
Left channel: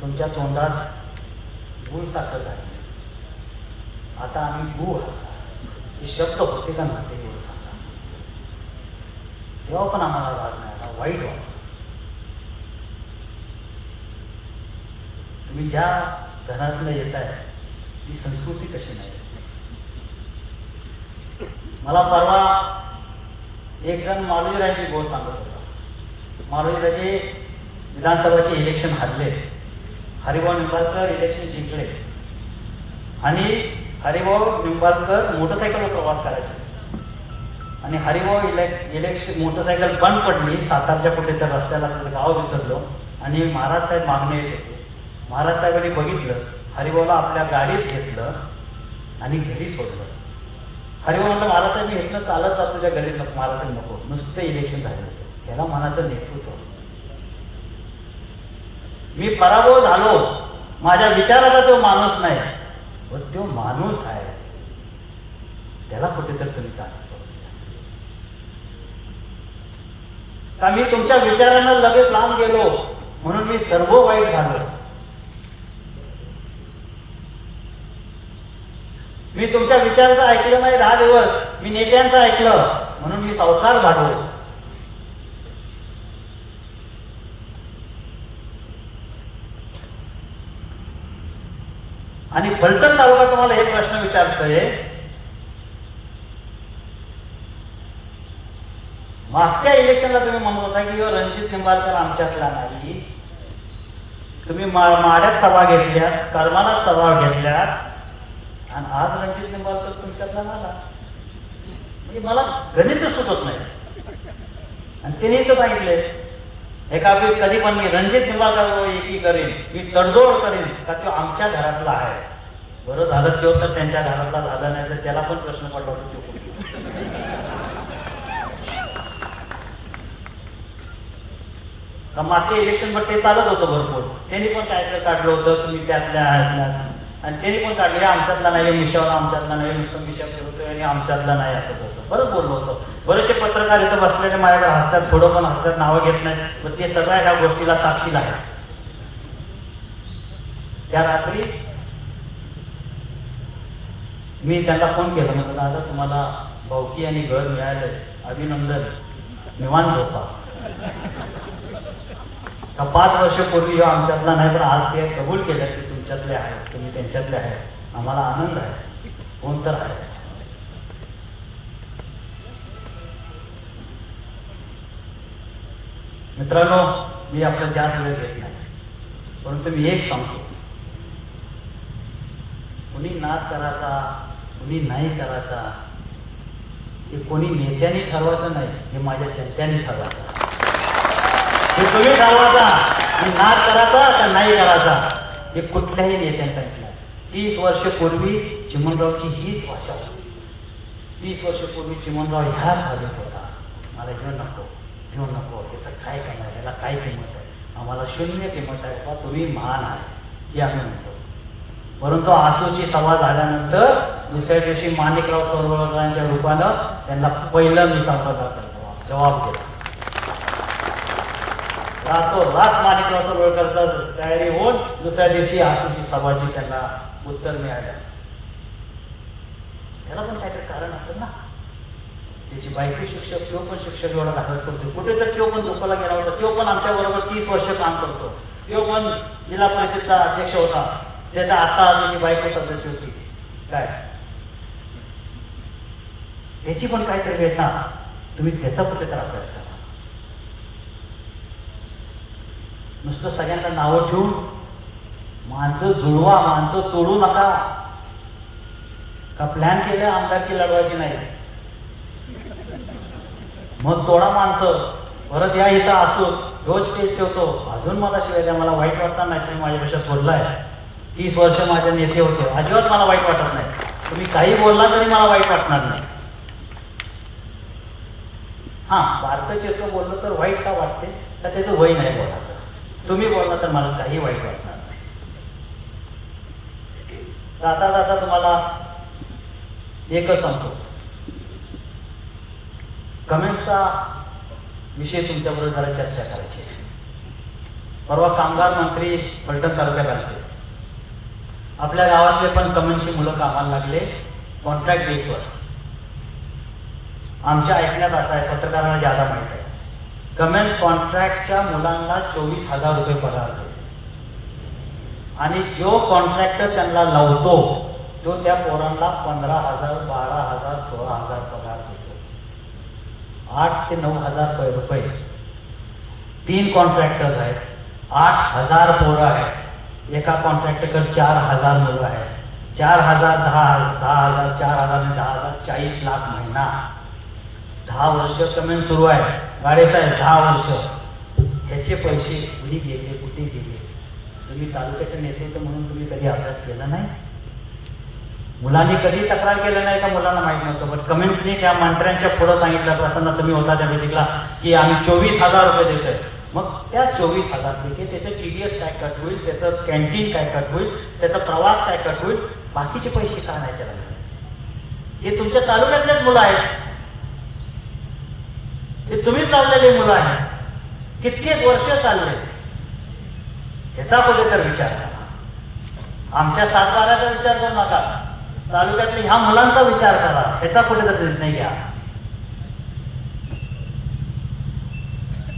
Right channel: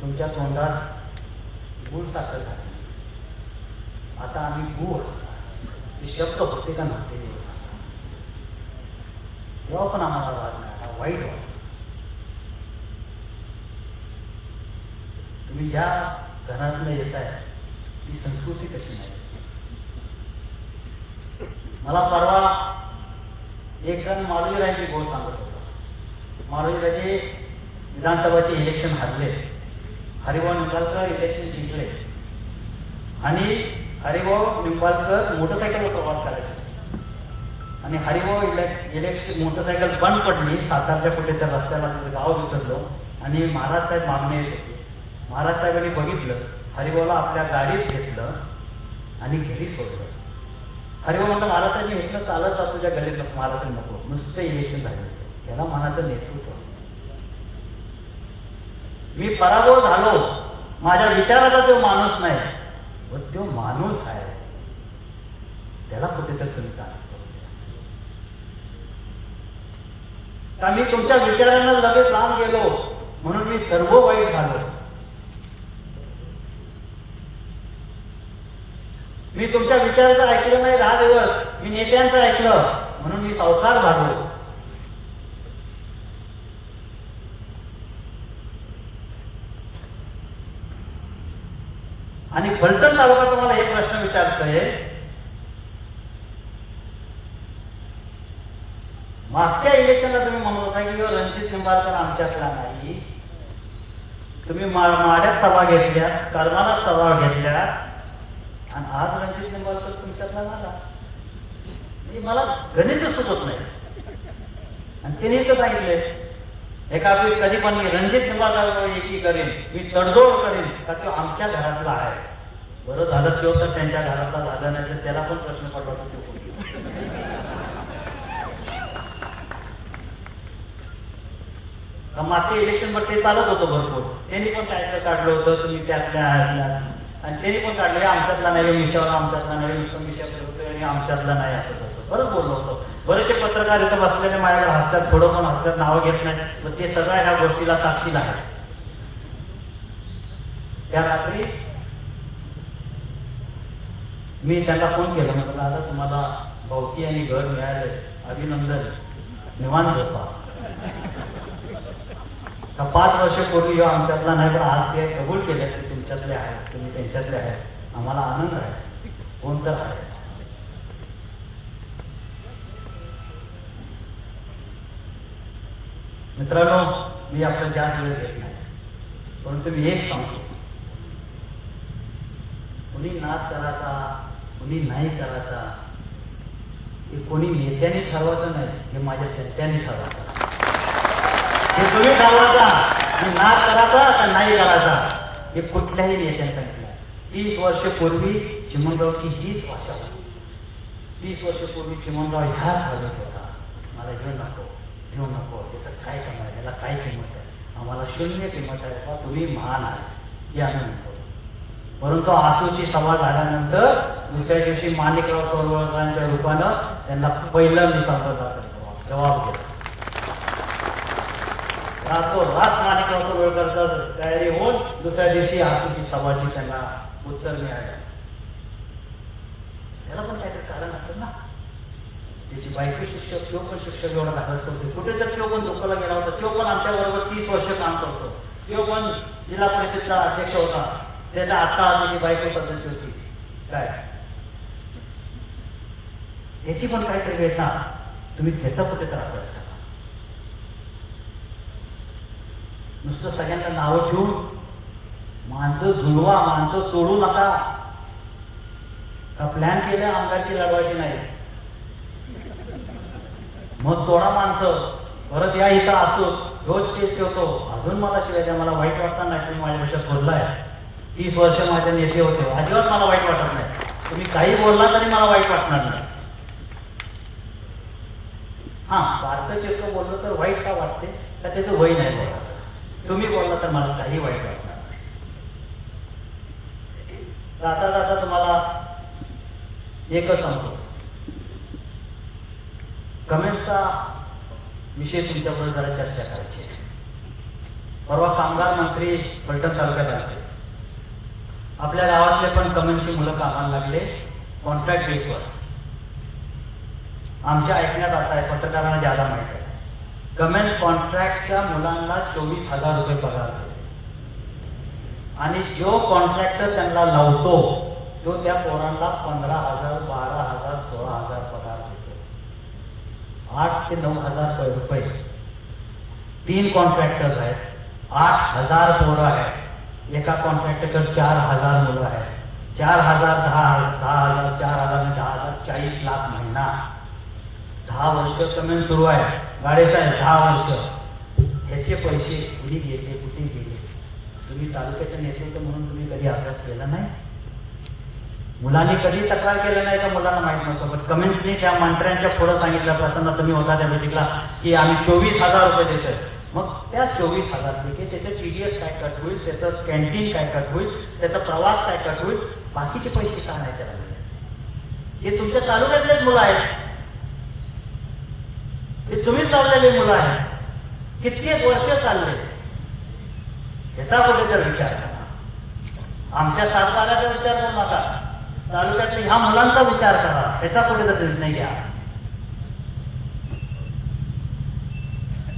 तुमच्या तोंडात गुळ साखर घातली, आता आम्ही गुळ हे शब्द होते का नव्हते गुळ साखर, तेव्हा पण आम्हाला राग नाही, वाईट वाटत. तुम्ही ज्या घरातनं येत आहे ती संस्कृती कशी नाही. मला परवा एक जण मारुतीराजांची गोष्ट सांगत होता. मारुतीराजे विधानसभाचे इलेक्शन हारले, हरिभाऊ निंबाळकर इलेक्शन जिंकले आणि हरिभाऊ निंबाळकर मोटरसायकलवर प्रवास करायचे आणि हरिभाऊ इलेक्शन मोटरसायकल बंद पडली सातारच्या कुठे तर रस्त्याला, गाव विसरलो आणि महाराज साहेब मागणे येत होते. महाराज साहेबांनी बघितलं, हरिभाऊला आपल्या गाडीत घेतलं आणि घरी सोडलं. हरिभाऊ म्हणलं, महाराज साहेब मी घेतलं चालत जातो तुझ्या गलीत. महाराज साहेब नको, नुसते इलेक्शन झाले होते, याला मनाचं नेतृत्व. मी पराभव झालो, माझ्या विचाराचा तो माणूस नाही, तो माणूस आहे, त्याला कुठेतरी तुम्ही चालत का. मी तुमच्या विचारानं लगेच लांब गेलो म्हणून मी सर्व वाईट झालो. मी तुमच्या विचाराचं ऐकलं नाही 10 दिवस, मी नेत्यांचं ऐकलं म्हणून मी सावकार झालो. आणि फलटण तालुका तुम्हाला एक प्रश्न विचारतोय, मागच्या इलेक्शनला तुम्ही म्हणत होता की रणजित निंबाळकर आमच्यातला नाही. तुम्ही माड्यात सभा घेतल्या, करमानात सभा घेतल्या आणि आज रणजित निंबाळकर तुमच्यातला झाला. मला गणित सुचत नाही. आणि त्यांनी तर सांगितले एका कधी पण मी रणजित निंबाळकर एकी करेन, मी तडजोड करेन का तो आमच्या घरातला आहे. बरं झालं तो तर त्यांच्या घरातला झाला नाही, तर त्याला पण प्रश्न पडला तो. मागच्या इलेक्शन वर ते चालत होतं भरपूर, त्यांनी पण काय काढलं होतं तुम्ही त्यातल्या आणि त्यांनी पण काढले आमच्यातला नाही, मिशावर आमच्यातला नाही, मिशा करतोय आणि आमच्यातला नाही, असं तसं बरं बोललो होतं. बरेचसे पत्रकार इथं बसलेले माझ्याकडे हसतात, थोडं पण हसतात, नावं घेत नाहीत, पण ते सगळ्या ह्या गोष्टीला साक्षीला आहे. त्या रात्री मी त्यांना फोन केला, म्हटलं दादा तुम्हाला भावकी आणि घर मिळालंय, अभिनंदन, निवांत होता. 5 वर्षापूर्वी आमच्यातला नाही, पण आज ते कबूल केलं की तुमच्यातले आहेत, तुम्ही त्यांच्यातले आहेत, आम्हाला आनंद आहे. कोण तर आहे. मित्रांनो, मी आपलं जास्त वेळ घेत नाही, परंतु मी एक सांगतो, कुणी नाद करायचा, कुणी नाही करायचा, हे कोणी नेत्याने ठरवायचं नाही, हे माझ्या जनत्याने ठरवायचं. हे तुम्ही ठरवायचा की नाद करायचा का नाही करायचा, हे कुठल्याही नेत्याने सांगितलं. 30 वर्षपूर्वी चिमणरावची हीच भाषा होती. 30 वर्षपूर्वी चिमणराव ह्याच हवेत होता, मला घेऊ नको, घेऊ नको, याचं काय काम आहे, याला काय किंमत आहे, आम्हाला शून्य किंमत आहे, बा तुम्ही महान आहे, हे आम्ही म्हणतो. परंतु आसूची सभा झाल्यानंतर दुसऱ्या दिवशी माणिकराव सरोवरकरांच्या रूपानं त्यांना पहिलं मिसाळ जबाब दिला. रात माणिकराव सरोवरकरचा तयारी होऊन दुसऱ्या दिवशी आसूची सभाची त्यांना उत्तर मिळालं. त्याला पण काहीतरी कारण असेल ना. त्याची बायको शिक्षक, तो पण शिक्षक एवढा धाडस करतो, कुठे तर तो पण दुःखाला गेला होता, तो पण आमच्या बरोबर 30 वर्ष काम करतो, तो पण जिल्हा परिषदचा अध्यक्ष होता, त्याचा आता त्याची बायको सदस्य होती. काय त्याची पण काहीतरी वेदना, तुम्ही त्याचा कुठे तर अभ्यास करा. नुसतं सगळ्यांना नावं ठेवून माणसं जुळवा, माणसं तोडू नका. का प्लॅन केलं आमदारकी लढवायची नाही, मग तोडा माणसं, परत या इथं असो रोज तेच ठेवतो, अजून मला शिवाय द्या, मला वाईट वाटणार नाही. तुम्ही माझ्यापेक्षा थोरलाय, 30 वर्ष माझे नेते होते, अजिबात मला वाईट वाटत नाही. तुम्ही काही बोलला तरी मला वाईट वाटणार नाही. हा, बारकं चिरकं बोललो तर वाईट का वाटते? का त्याचं वय नाही बोलायचं. तुम्ही बोलला तर मला काही वाईट वाटणार नाही. जाता जाता तुम्हाला एकच सांगतो, कमेंटचा विषय तुमच्याबरोबर जरा चर्चा करायची. परवा कामगार मंत्री फलटण तालुक्यात आले. आपल्या गावातले पण कमेंटची मुलं कामाला लागले कॉन्ट्रॅक्ट बेसवर. आमच्या ऐकण्यात असं आहे, पत्रकारांना ज्यादा माहित आहे, कमेंट्स कॉन्ट्रॅक्टच्या मुलांना 24,000 रुपये पगार देते आणि जो कॉन्ट्रॅक्टर त्यांना लावतो तो त्या पोरांना 15,000, 12,000, 16,000 पगार देतो. 8 ते 9,000 रुपये. 3 कॉन्ट्रॅक्टर्स आहेत, 8,000 पोरं आहेत. एका कॉन्ट्रॅक्टरकडे 4,000 मुलं आहेत. 4,000, 10,000, 4,000, 10,000, 40 लाख महिना. 10 वर्ष कमेंट सुरू आहे. गाडेसाहेब 10 वर्ष. ह्याचे पैसे कुठे गेले, कुठे गेले? तुम्ही तालुक्याचं नेतृत्व म्हणून तुम्ही कधी अभ्यास केला नाही? मुलांनी कधी तक्रार केलं नाही का? मुलांना माहित नव्हतं, पण कमेंट्सनी त्या मंत्र्यांच्या पुढे सांगितलं, प्रसन्न तुम्ही होता त्या मीटिंगला, की आम्ही 24,000 रुपये देतोय. मग त्या 24,000 पैकी त्याचं TDS काय कट होईल, त्याचं कॅन्टीन काय कट होईल, त्याचा प्रवास काय कट होईल, बाकीचे पैसे का नाही त्याला मिळाले? हे तुमच्या तालुक्यातलेच मुलं आहेत, हे तुम्हीच लावलेले मुलं आहेत. कित्येक वर्ष चालले, ह्याचा कुठे तर विचार करा. आमच्या सातबाऱ्याचा विचार करू नका, तालुक्यातल्या ह्या मुलांचा विचार करा, ह्याचा कुठे तर निर्णय घ्या.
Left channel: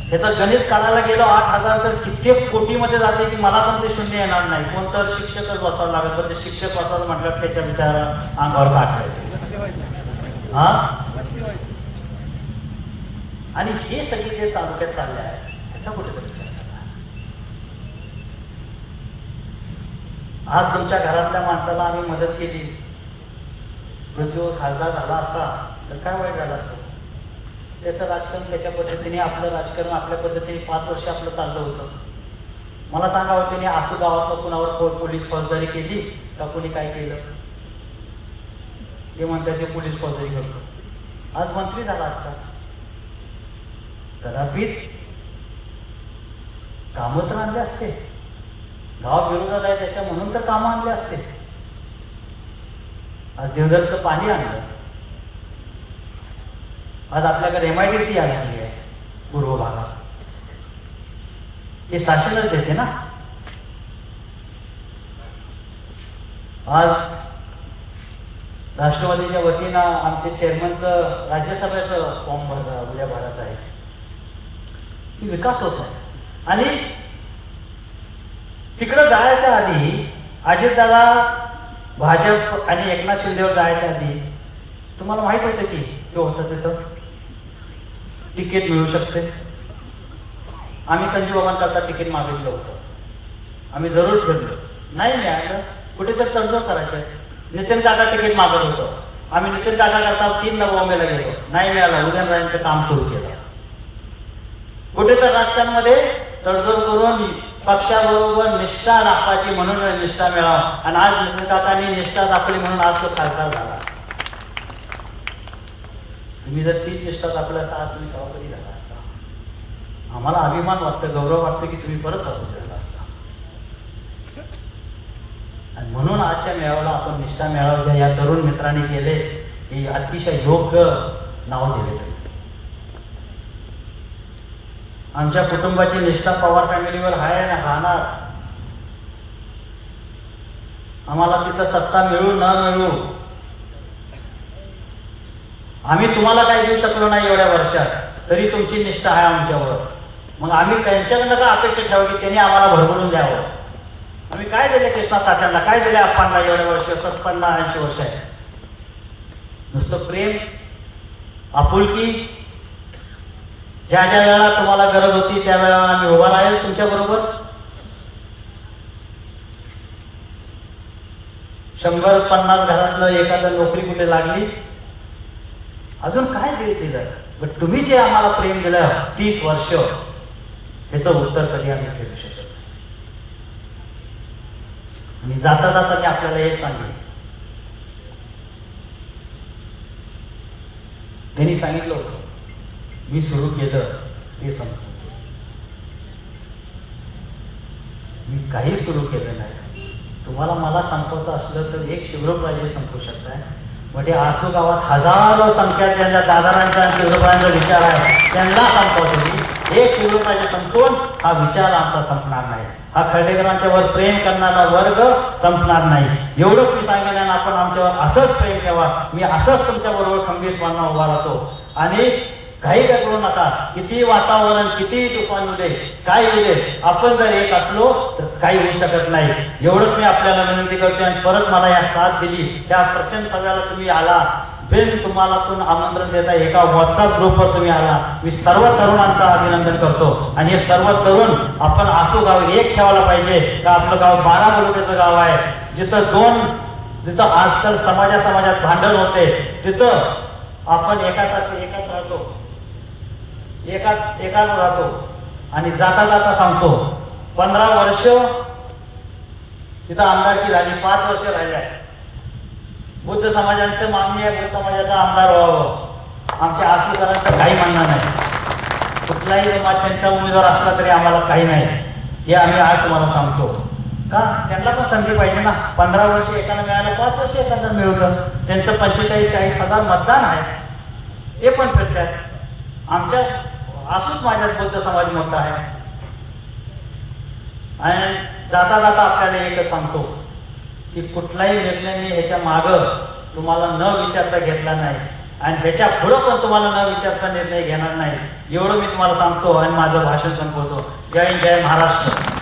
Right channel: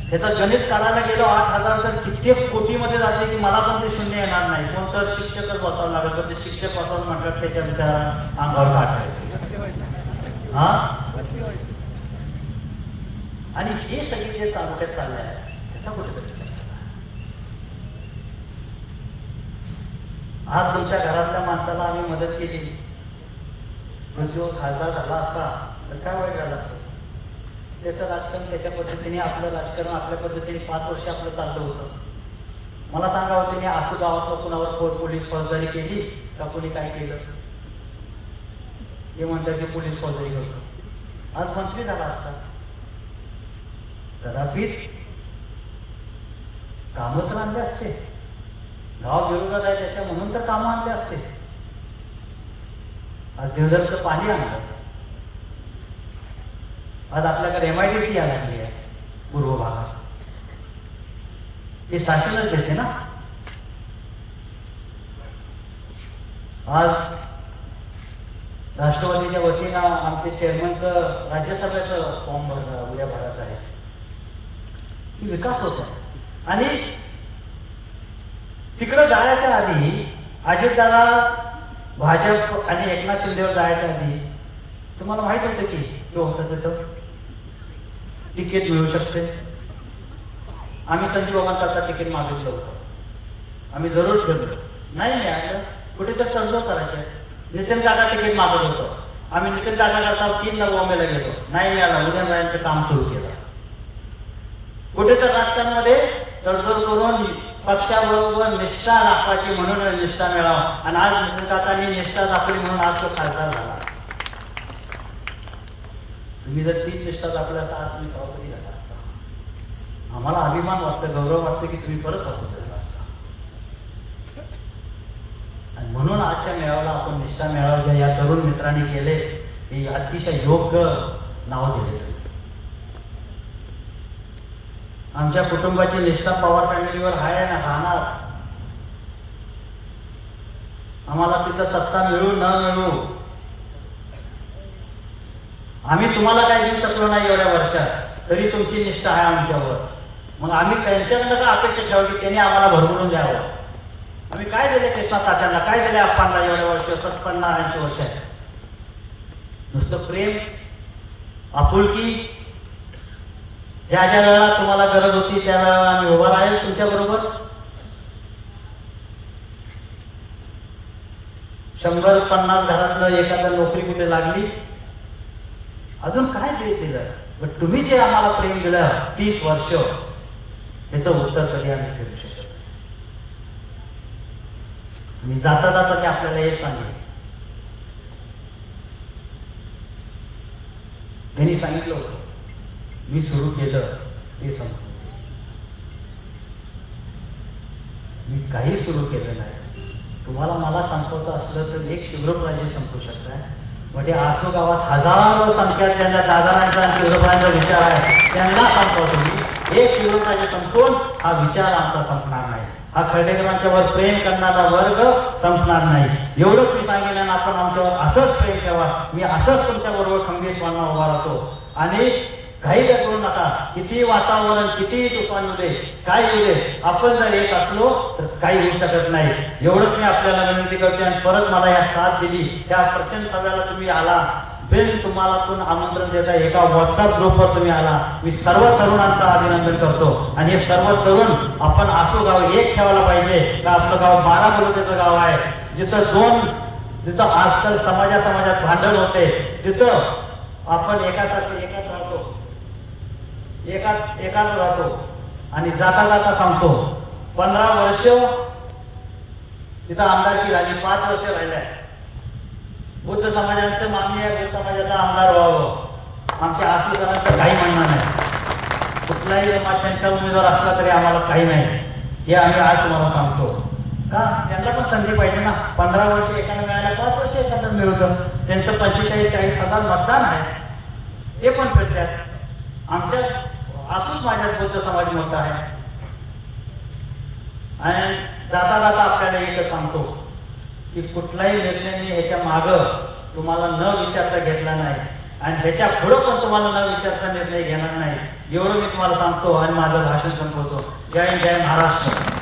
ह्याचं गणित काढायला गेलो 8,000 तर कित्येक कोटीमध्ये जाते की मला पण ते शून्य येणार नाही. कोणतर शिक्षकच बसावं लागत, पण ते शिक्षक बसावं म्हटलं त्याच्या विचारा अंगावर काढायचे. हा, आणि हे सगळे जे तालुक्यात चालले आहे ह्याचा कुठे तर विचार करा. आज तुमच्या घरातल्या माणसाला आम्ही मदत केली, जो खासदार झाला असता तर काय वाईट झालं असतं? त्याचं राजकारण त्याच्या पद्धतीने, आपलं राजकारण आपल्या पद्धतीने 5 वर्ष आपलं चाललं होतं. मला सांगावं, त्याने आसू गावातलं कुणावर पोलीस फौजदारी केली का? कोणी काय केलं? ते म्हणतात ते पोलीस फौजदारी करतो. आज मंत्री झाला असता, कदापित कामं तर आणले असते. गाव विरोधात आहे त्याच्या म्हणून तर कामं आणले असते. आज देवधरचं पाणी आणलं. आज आपल्याकडे MIDC यायला लागली आहे पूर्व भागात, हे शासनच देते ना. आज राष्ट्रवादीच्या वतीनं आमचे चेअरमनचं राज्यसभेचं फॉर्म उद्या भरायचं आहे. विकास होत आहे. आणि तिकडं जायच्या आधी अजितदादा, भाजप आणि एकनाथ शिंदेवर जायच्या आधी तुम्हाला माहित होतं की होतं तिथं तिकीट मिळू शकते. आम्ही संजीव बाबांकरता तिकीट मागितलं होतं, आम्ही जरूर फिरलो, नाही मिळालं. कुठेतरी तडजोड करायचे. नितीन काका तिकीट मागत होतो, आम्ही नितीन काका करता 3 बॉम्बेला गेलो, नाही मिळालं. उदयनराजेंचं काम सुरू केलं. कुठे तर राजकारणामध्ये तडजोड करून पक्षाबरोबर निष्ठा दाखवायची म्हणून निष्ठा मिळावा, आणि आज नितीन काकांनी निष्ठा दाखवली म्हणून आज तो खासदार झाला. तुम्ही जर तीच निष्ठा दाखवला असता आज तुम्ही सभापती झाला असता. आम्हाला अभिमान वाटतं, गौरव वाटतं की तुम्ही परत सभापती झाला असता. आणि म्हणून आजच्या मेळाव्याला आपण निष्ठा मेळावा ज्या या तरुण मित्रांनी केले, हे अतिशय योग्य नाव दिले. आमच्या कुटुंबाची निष्ठा पवार फॅमिलीवर आहे ना, राहणार. आम्हाला तिथं सत्ता मिळू न मिळू, आम्ही तुम्हाला काही देऊ शकलो नाही एवढ्या वर्षात, तरी तुमची निष्ठा आहे आमच्यावर. मग आम्ही त्यांच्याकडनं का अपेक्षा ठेवू की त्यांनी आम्हाला भरभरून द्यावं? आम्ही काय दिले कृष्णा तात्यांना, काय दिले आप्पांना एवढ्या वर्ष, 50-80 वर्ष आहे? नुसतं प्रेम, आपुलकी. ज्या ज्या वेळेला तुम्हाला गरज होती त्या वेळेला आम्ही उभा राहील तुमच्या बरोबर. 100-50 घरातलं एखादं नोकरी कुठे लागली, अजून काय दिलं? पण तुम्ही जे आम्हाला प्रेम दिलं 30 वर्ष, ह्याचं उत्तर कधी आम्ही फेरू शकत नाही. मी जाता जाता मी आपल्याला हे सांगेन, त्यांनी सांगितलं होतं मी सुरू केलं ते संपलं. मी काही सुरू केलं नाही. तुम्हाला मला संपवायचं असलं तर एक शिवराजे संपू शकताय. म्हणजे आसू गावात हजारो संख्या ज्यांच्या दादारांचा शिवरायांचा विचार आहे त्यांना संपवा तुम्ही. एक शिवराजे संपवून हा विचार आमचा संपणार नाही. हा खर्डेकरांच्यावर प्रेम करणारा वर्ग संपणार नाही. एवढंच मी सांगेन. आणि आपण आमच्यावर असंच प्रेम ठेवा. मी असंच तुमच्या बरोबर खंबीरपणे उभा राहतो. आणि काही करू नका. किती वातावरण, किती तुफान येऊ दे, काय येऊ दे, आपण जर एक असलो तर काही होऊ शकत नाही. एवढंच मी आपल्याला विनंती करते. आणि परत मला या साथ दिली त्या प्रचंड सभेला तुम्ही आला. बिन तुम्हाला कोण आमंत्रण देता एका व्हॉट्सअप ग्रुपवर तुम्ही आला. मी सर्व तरुणांचं अभिनंदन करतो. आणि हे सर्व तरुण आपण आसू गाव एक ठेवायला पाहिजे का आपलं गाव 12 तालुक्याचं गाव आहे. जिथं आजकाल समाजात भांडण होते तिथं आपण एकासारखे एकच राहतो, एकाच राहतो. आणि जाता जाता सांगतो 15 वर्ष तिथं आमदारकी झाली, 5 वर्ष राहिल्या. बुद्ध समाजाचे मागणी आहे बुद्ध समाजाचा आमदार व्हावं. आमच्या आसूकरांचं काही म्हणणं नाही. कुठलाही जमात त्यांचा उमेदवार असला तरी आम्हाला काही नाही. हे आम्ही आज तुम्हाला सांगतो का त्यांना पण संधी पाहिजे ना. 15 वर्ष एकाला मिळालं, 5 वर्ष एखादा मिळवतं. त्यांचं 45-40 हजार मतदान आहे, ते पण फिरतात. आमच्या असूच माझ्यात बुद्ध समाज मोठा आहे. आणि जाता जाता आपल्याला एकच सांगतो की कुठलाही निर्णय मी ह्याच्या मागं तुम्हाला न विचारता घेतला नाही. आणि ह्याच्या पुढं पण तुम्हाला न विचारता निर्णय घेणार नाही. एवढं मी तुम्हाला सांगतो आणि माझं भाषण संपवतो. जय हिंद, जय महाराष्ट्र.